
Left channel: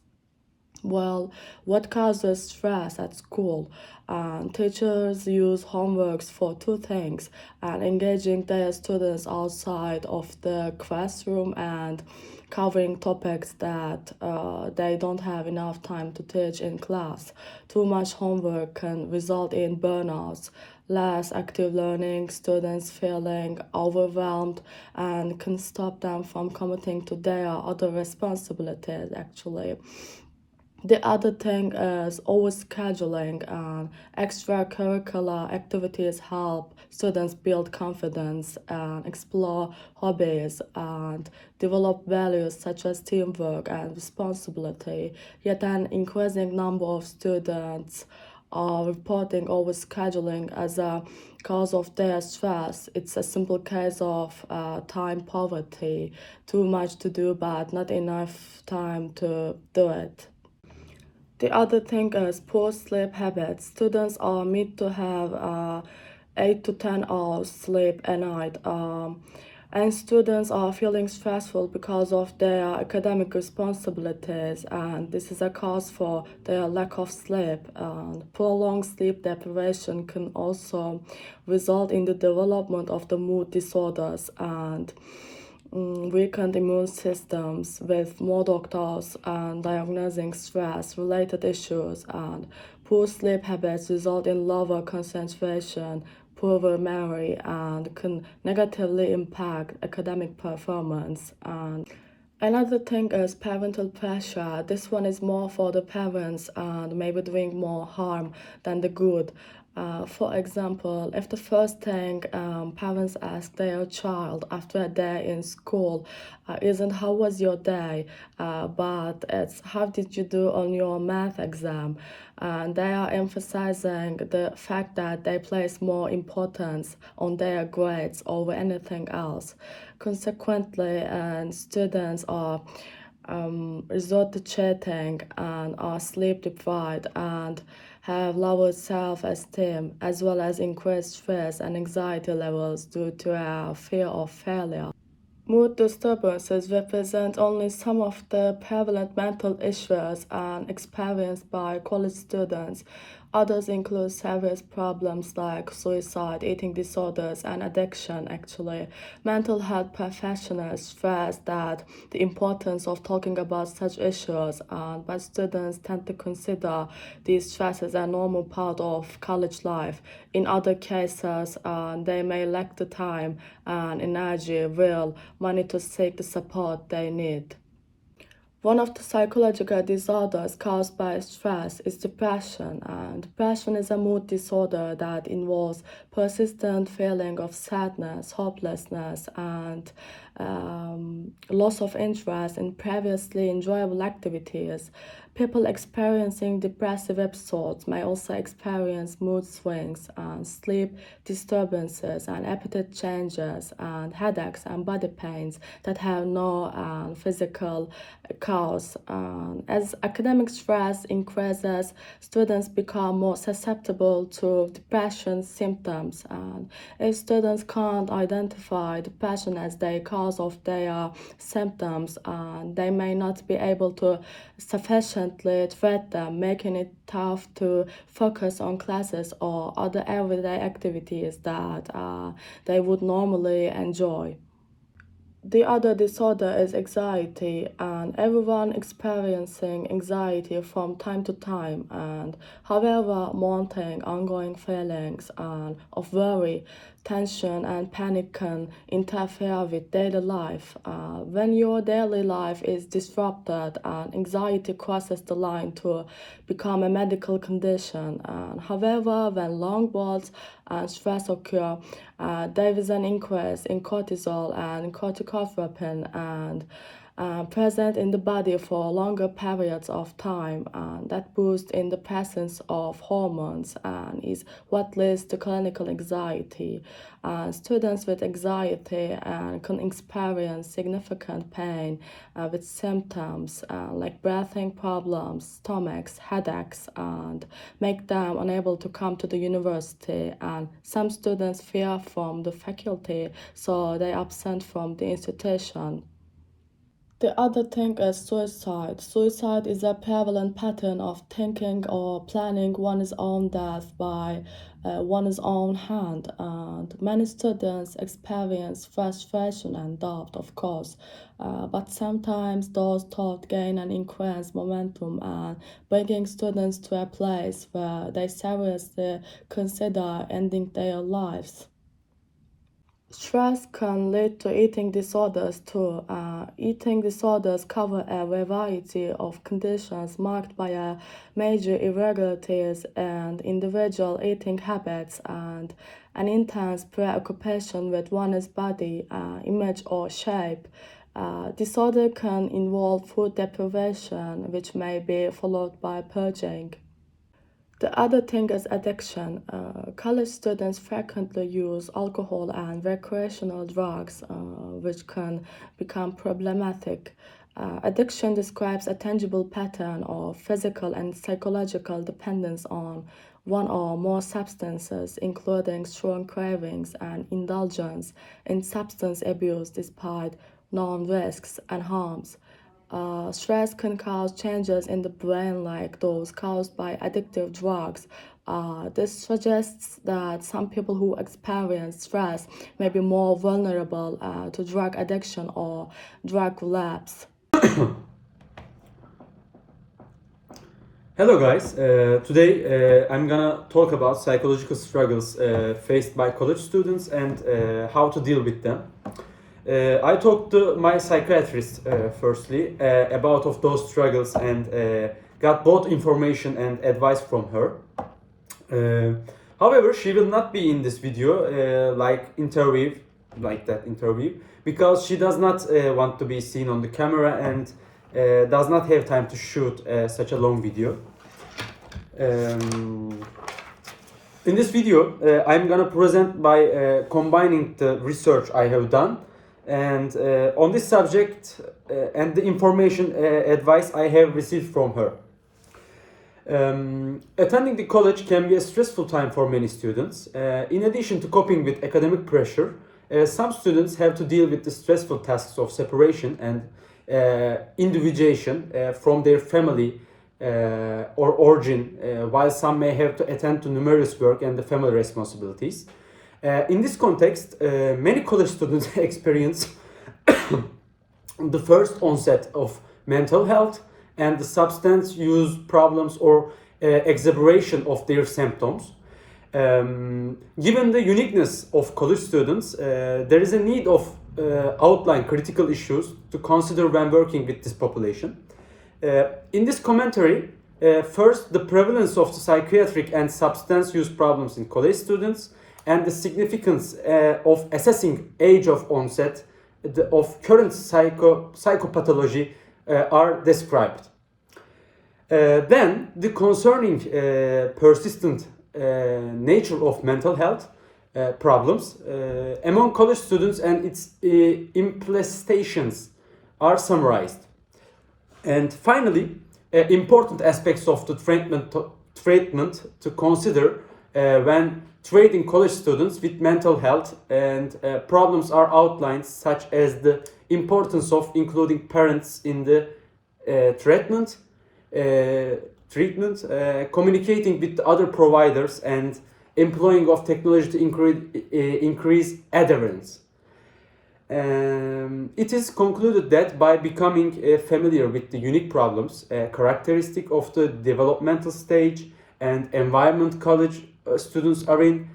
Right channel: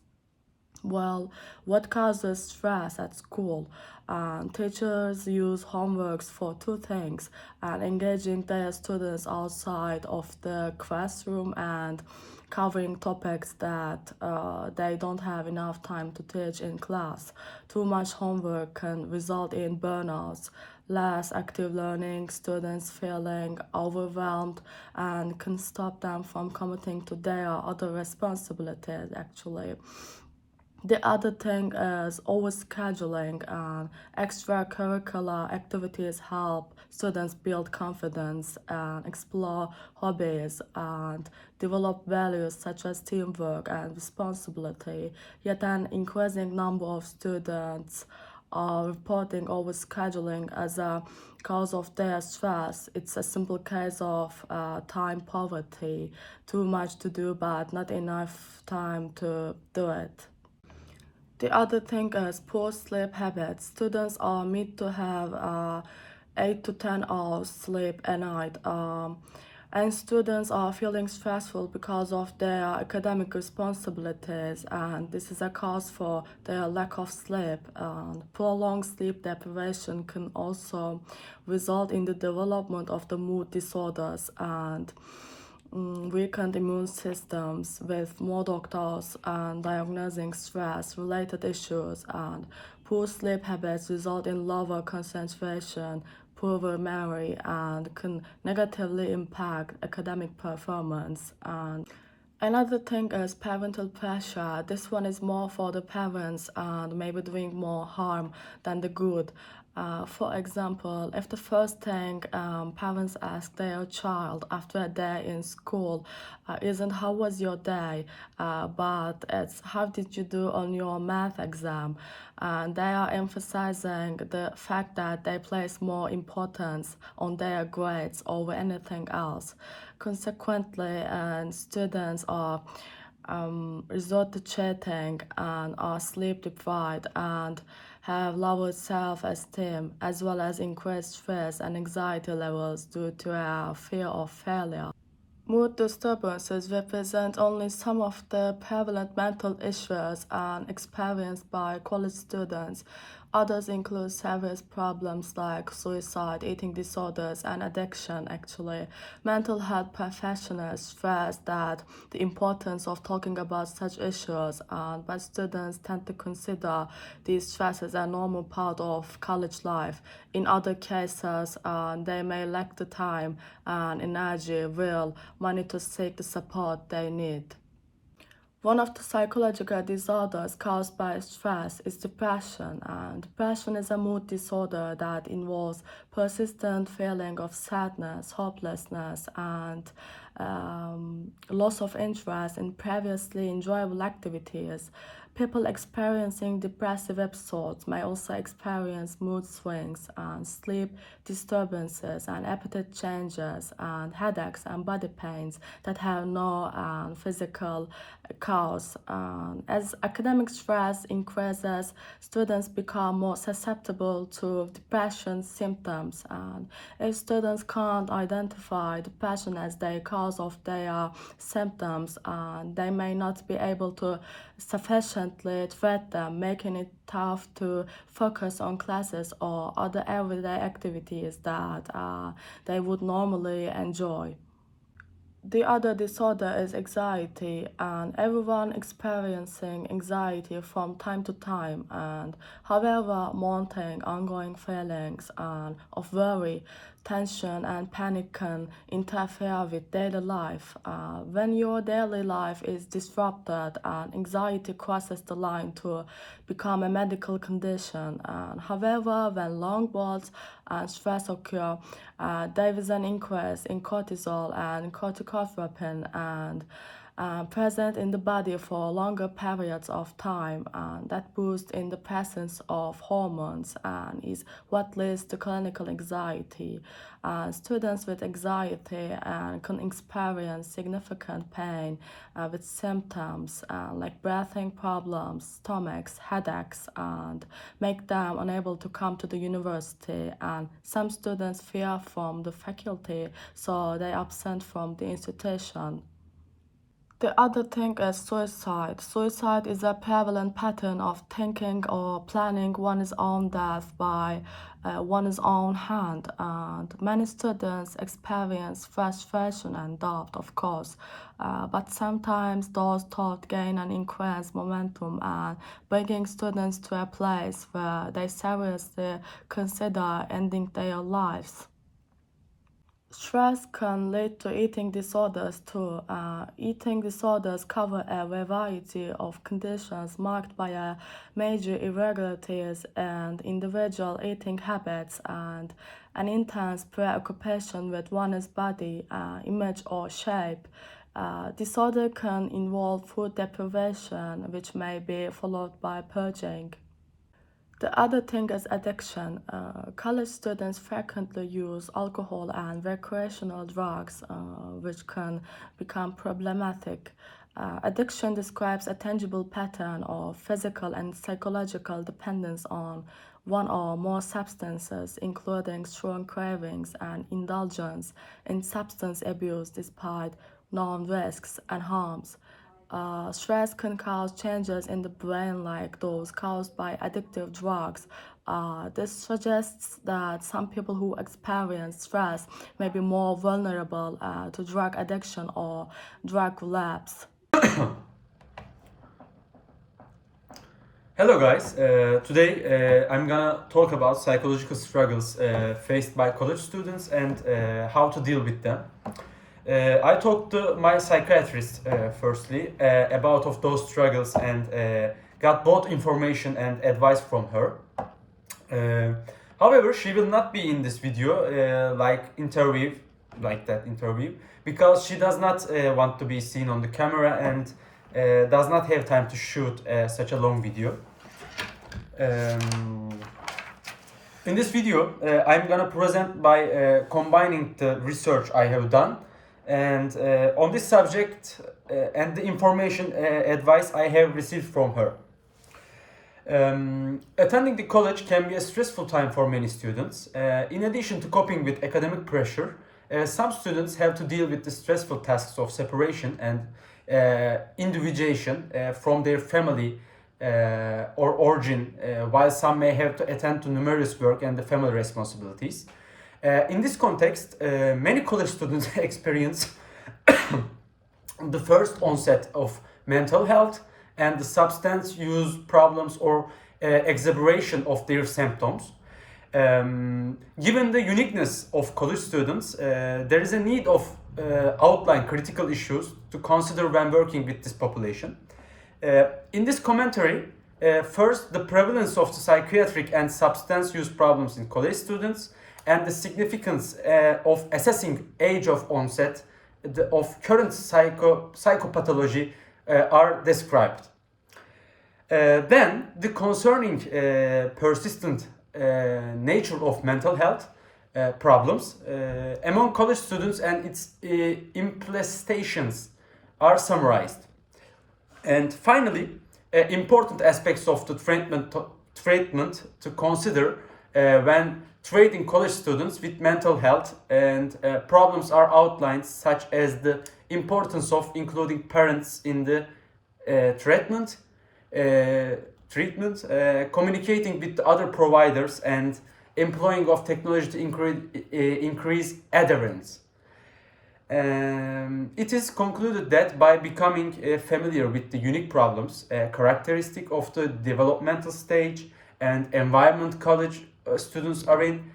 Well, what causes stress at school? Teachers use homeworks for two things, and engaging their students outside of the classroom and covering topics that they don't have enough time to teach in class. Too much homework can result in burnouts, less active learning, students feeling overwhelmed, and can stop them from committing to their other responsibilities actually. The other thing is overscheduling and extracurricular activities help students build confidence and explore hobbies and develop values such as teamwork and responsibility. Yet an increasing number of students are reporting overscheduling as a cause of their stress. It's a simple case of time poverty, too much to do but not enough time to do it. The other thing is poor sleep habits. Students are meant to have 8 to 10 hours sleep a night. And students are feeling stressful because of their academic responsibilities, and this is a cause for their lack of sleep. And prolonged sleep deprivation can also result in the development of the mood disorders and weakened immune systems, with more doctors and diagnosing stress related issues, and poor sleep habits result in lower concentration, poorer memory, and can negatively impact academic performance. And another thing is parental pressure. This one is more for the parents and maybe doing more harm than the good. For example, if the first thing parents ask their child after a day in school isn't how was your day, but it's how did you do on your math exam, and they are emphasizing the fact that they place more importance on their grades over anything else. Consequently, and students are resort to cheating and are sleep deprived and have lower self-esteem as well as increased stress and anxiety levels due to a fear of failure. Mood disturbances represent only some of the prevalent mental issues and experienced by college students. Others include serious problems like suicide, eating disorders, and addiction, actually. Mental health professionals stress that the importance of talking about such issues, but students tend to consider these stresses a normal part of college life. In other cases, they may lack the time and energy, will, money to seek the support they need. One of the psychological disorders caused by stress is depression, and depression is a mood disorder that involves persistent feeling of sadness, hopelessness, and loss of interest in previously enjoyable activities. People experiencing depressive episodes may also experience mood swings and sleep disturbances and appetite changes and headaches and body pains that have no physical cause. As academic stress increases, students become more susceptible to depression symptoms. And if students can't identify depression as the cause of their symptoms, they may not be able to sufficiently treat them, making it tough to focus on classes or other everyday activities that they would normally enjoy. The other disorder is anxiety, and everyone experiencing anxiety from time to time, and however mounting ongoing feelings of worry, tension and panic can interfere with daily life. When your daily life is disrupted, anxiety crosses the line to become a medical condition. However, when long bouts and stress occur, there is an increase in cortisol and corticotropin and present in the body for longer periods of time, and that boosts in the presence of hormones and is what leads to clinical anxiety. Students with anxiety can experience significant pain with symptoms like breathing problems, stomachs, headaches, and make them unable to come to the university. And some students fear from the faculty, so they absent from the institution. The other thing is suicide. Suicide is a prevalent pattern of thinking or planning one's own death by one's own hand, and many students experience frustration and doubt, of course. But sometimes those thoughts gain an increased momentum and bringing students to a place where they seriously consider ending their lives. Stress can lead to eating disorders too. Eating disorders cover a variety of conditions marked by a major irregularities and individual eating habits and an intense preoccupation with one's body, image or shape. Disorder can involve food deprivation, which may be followed by purging. The other thing is addiction. College students frequently use alcohol and recreational drugs, which can become problematic. Addiction describes a tangible pattern of physical and psychological dependence on one or more substances, including strong cravings and indulgence in substance abuse despite known risks and harms. Stress can cause changes in the brain like those caused by addictive drugs. This suggests that some people who experience stress may be more vulnerable to drug addiction or drug relapse. Hello guys, today I'm gonna talk about psychological struggles faced by college students and how to deal with them. I talked to my psychiatrist firstly about of those struggles and got both information and advice from her. However, she will not be in this video like that interview because she does not want to be seen on the camera and does not have time to shoot such a long video. In this video, I'm gonna present by combining the research I have done and on this subject and the information advice I have received from her. Attending the college can be a stressful time for many students. In addition to coping with academic pressure, some students have to deal with the stressful tasks of separation and individuation from their family or origin, while some may have to attend to numerous work and the family responsibilities. In this context, many college students experience the first onset of mental health and the substance use problems or exacerbation of their symptoms. Given the uniqueness of college students, there is a need of outline critical issues to consider when working with this population. In this commentary, first, the prevalence of the psychiatric and substance use problems in college students and the significance of assessing age of onset of current psychopathology are described. Then, the concerning persistent nature of mental health problems among college students and its implications are summarized. And finally, important aspects of the treatment to consider when treating college students with mental health and problems are outlined, such as the importance of including parents in the treatment, communicating with other providers, and employing of technology to increase adherence. It is concluded that by becoming familiar with the unique problems, characteristic of the developmental stage and environment college students are in,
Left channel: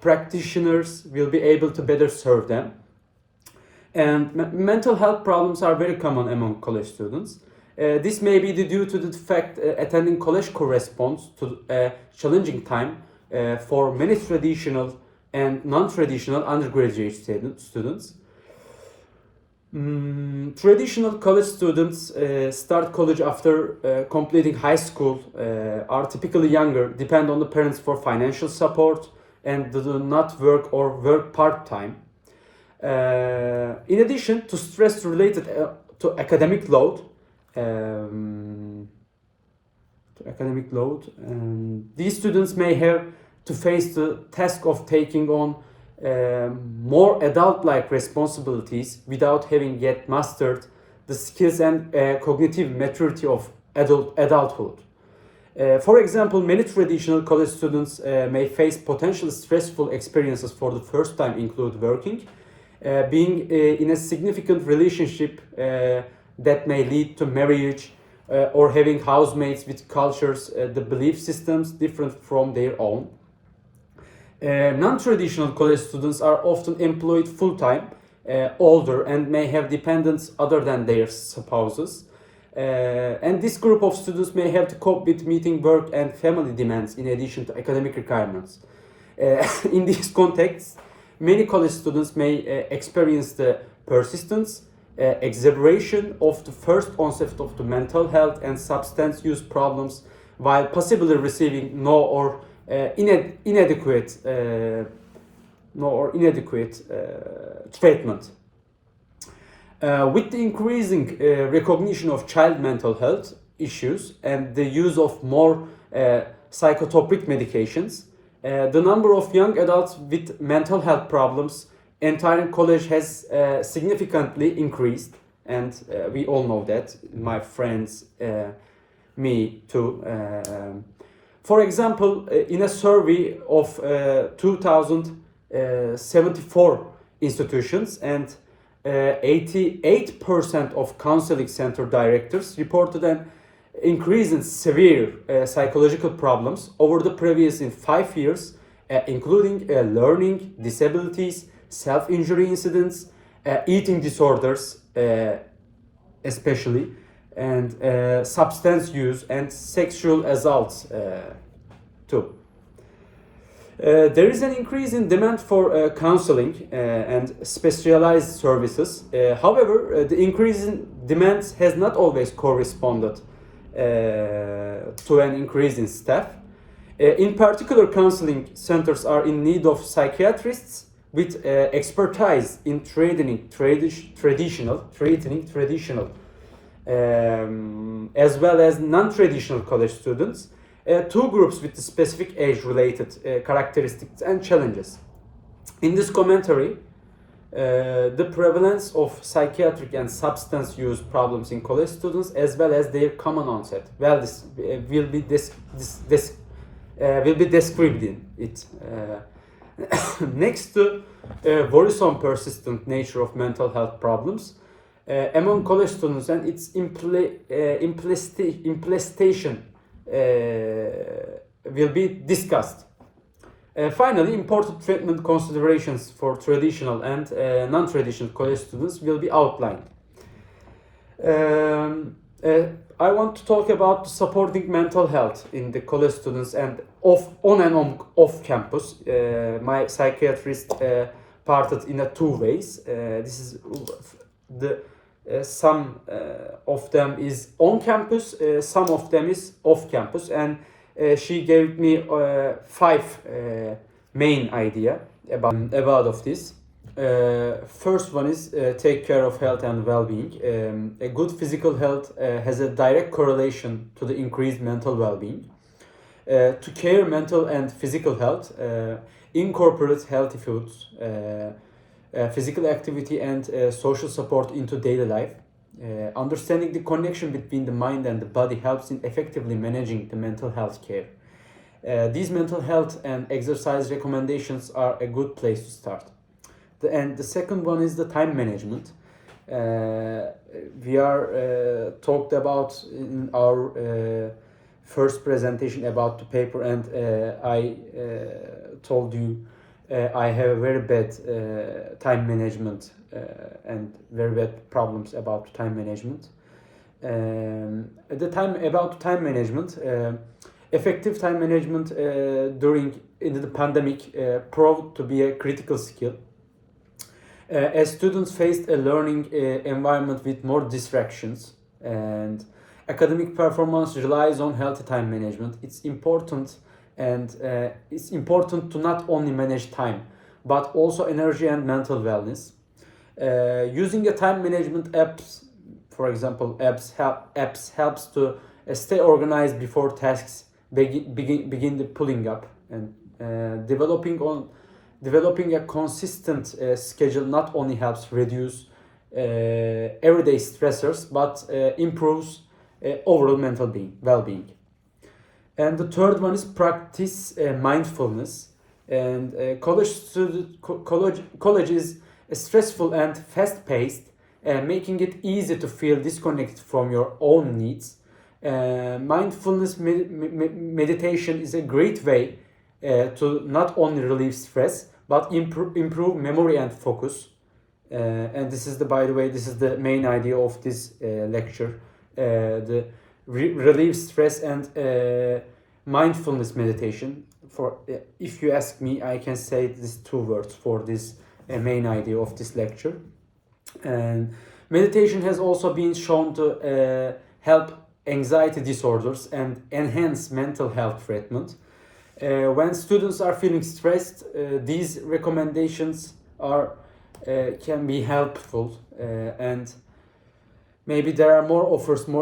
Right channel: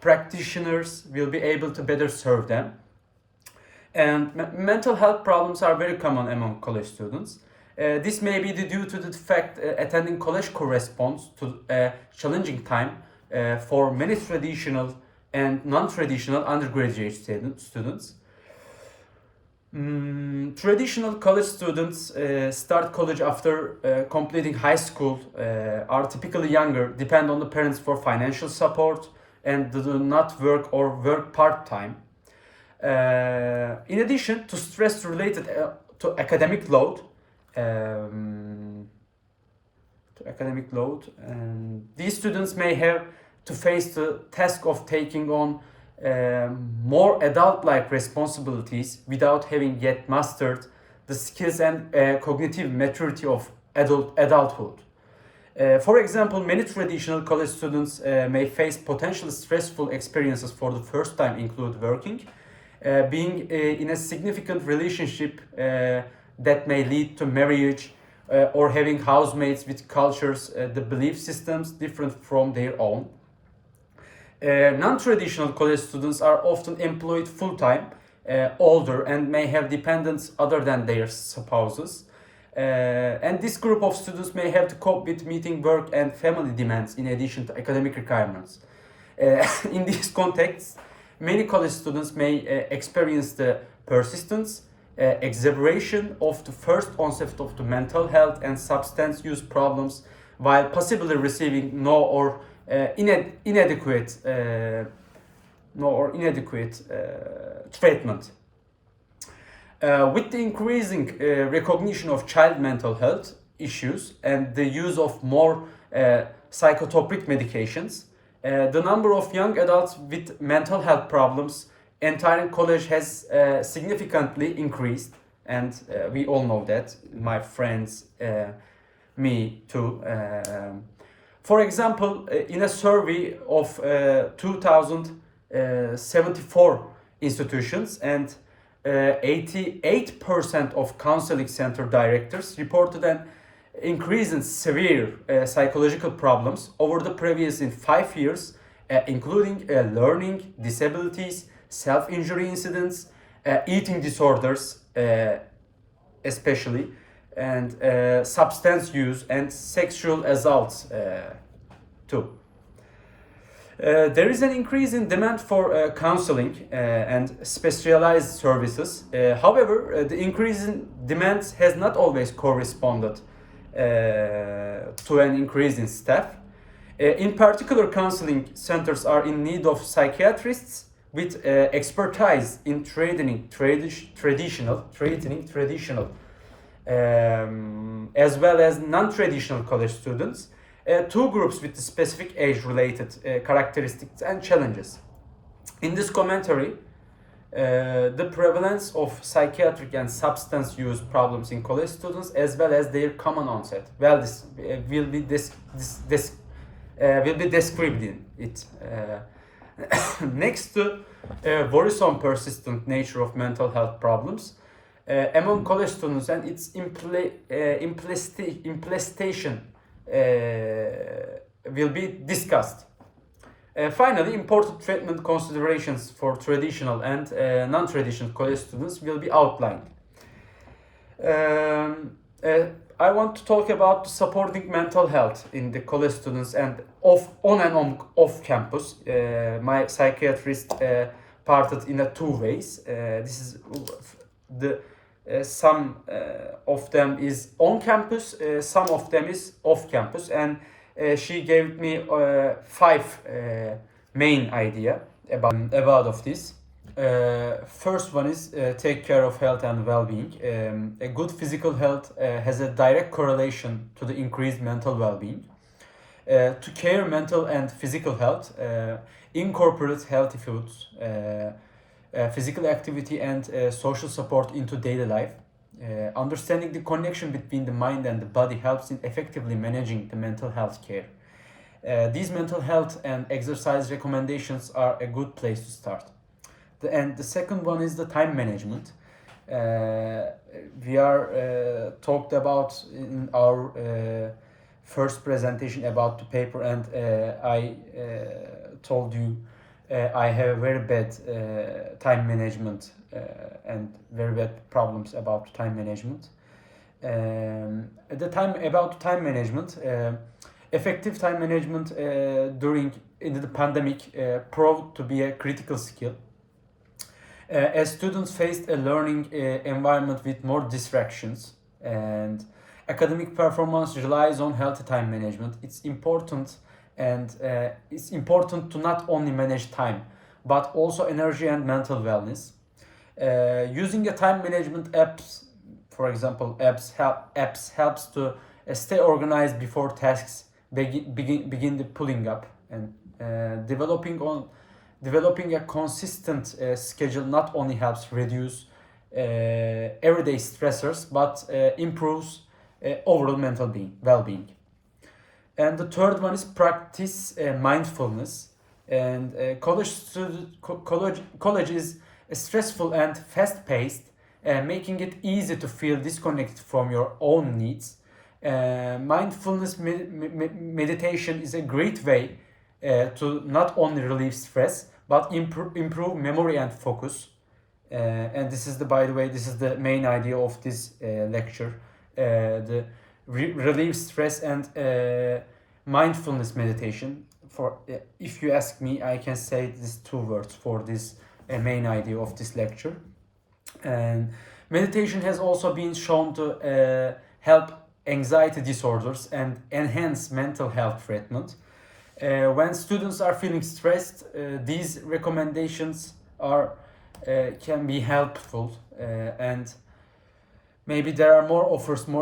practitioners will be able to better serve them. And mental health problems are very common among college students. This may be due to the fact attending college corresponds to a challenging time for many traditional and non-traditional undergraduate students. Traditional college students start college after completing high school, are typically younger, depend on the parents for financial support, and do not work or work part-time. In addition to stress related to academic load, these students may have to face the task of taking on more adult-like responsibilities without having yet mastered the skills and cognitive maturity of adulthood. For example, many traditional college students may face potentially stressful experiences for the first time, include working, being in a significant relationship that may lead to marriage, or having housemates with cultures, the belief systems different from their own. Non-traditional college students are often employed full-time, older, and may have dependents other than their spouses. And this group of students may have to cope with meeting work and family demands in addition to academic requirements. In this context, many college students may experience the persistence, exacerbation of the first onset of the mental health and substance use problems, while possibly receiving no or inadequate treatment. With the increasing recognition of child mental health issues and the use of more psychotropic medications, the number of young adults with mental health problems entering college has significantly increased, and we all know that, my friends, me too. For example, in a survey of 2074 institutions, and 88% of counseling center directors reported an increase in severe psychological problems over the previous 5 years, including learning disabilities, self-injury incidents, eating disorders, especially, and substance use and sexual assaults too. There is an increase in demand for counseling and specialized services. However, the increase in demand has not always corresponded to an increase in staff. In particular, counseling centers are in need of psychiatrists with expertise in treating traditional, as well as non-traditional college students, two groups with specific age-related characteristics and challenges. In this commentary, the prevalence of psychiatric and substance use problems in college students, as well as their common onset, will be described in it. Next to worrisome persistent nature of mental health problems among college students and its implementation will be discussed. Finally, important treatment considerations for traditional and non-traditional college students will be outlined. I want to talk about supporting mental health in the college students and on and off campus. My psychiatrist parted in two ways. This is the some of them is on campus, some of them is off campus, and she gave me 5 main idea about of this. First one is take care of health and well-being. A good physical health has a direct correlation to the increased mental well-being. To care mental and physical health, incorporate healthy foods, physical activity and social support into daily life. Understanding the connection between the mind and the body helps in effectively managing the mental health care. These mental health and exercise recommendations are a good place to start. And the second one is the time management. We are talked about in our first presentation about the paper, and I told you I have very bad time management and very bad problems about time management. About time management, effective time management during in the pandemic proved to be a critical skill. As students faced a learning environment with more distractions and academic performance relies on healthy time management, it's important to not only manage time but also energy and mental wellness. Using a time management apps, for example, apps helps to stay organized before tasks begin the pulling up, and developing a consistent schedule not only helps reduce everyday stressors but improves overall mental well-being. And the third one is practice mindfulness. And college is stressful and fast-paced, making it easy to feel disconnected from your own needs. Mindfulness meditation is a great way to not only relieve stress but improve memory and focus. And this is by the way, this is the main idea of this lecture: the relieve stress and mindfulness meditation. For if you ask me, I can say these two words for this main idea of this lecture. And meditation has also been shown to help anxiety disorders and enhance mental health treatment. When students are feeling stressed, these recommendations can be helpful, and maybe there are more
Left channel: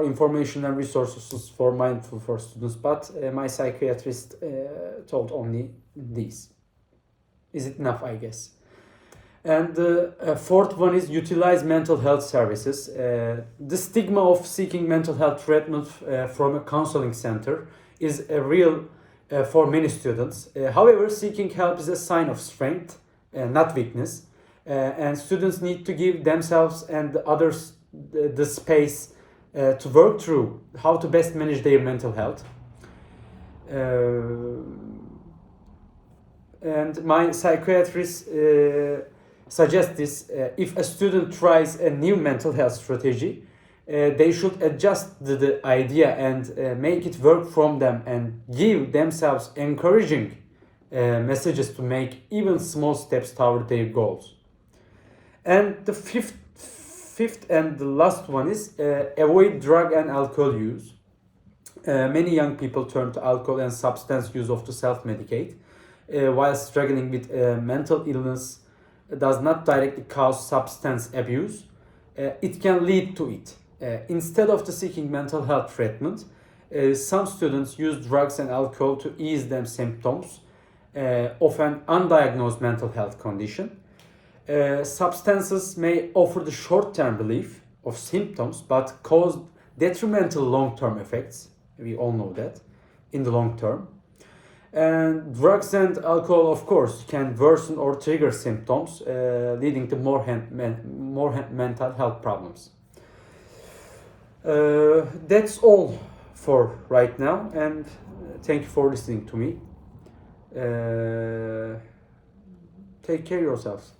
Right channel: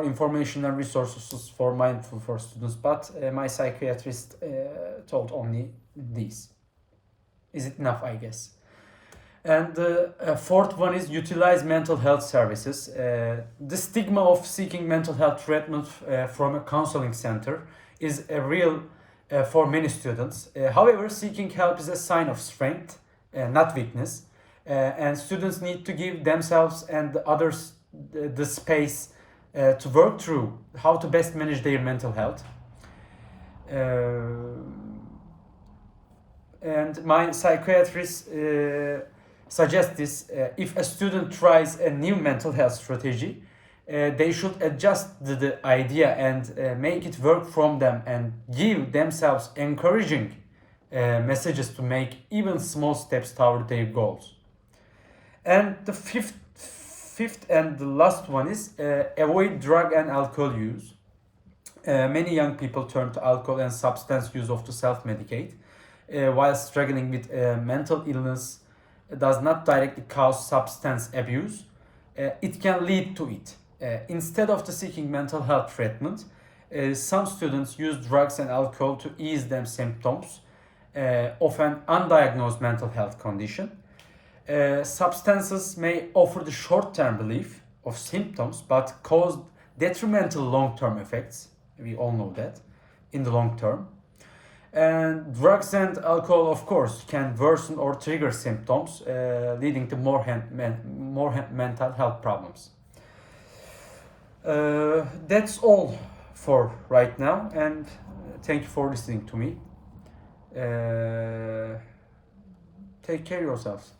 information and resources for mindful for students, but my psychiatrist told only these. Is it enough, I guess? And the fourth one is utilize mental health services. The stigma of seeking mental health treatment from a counseling center is a real for many students. However, seeking help is a sign of strength, not weakness, and students need to give themselves and others the space to work through how to best manage their mental health. And my psychiatrist suggests this: if a student tries a new mental health strategy, they should adjust the idea and make it work from them, and give themselves encouraging messages to make even small steps toward their goals. And the fifth and the last one is avoid drug and alcohol use. Many young people turn to alcohol and substance use to self-medicate, while struggling with mental illness does not directly cause substance abuse. It can lead to it. Instead of seeking mental health treatment, some students use drugs and alcohol to ease their symptoms of an undiagnosed mental health condition. Substances may offer the short-term relief of symptoms but cause detrimental long-term effects. We all know that in the long term. And drugs and alcohol, of course, can worsen or trigger symptoms, leading to more mental health problems. That's all for right now, and thank you for listening to me. Take care of yourselves.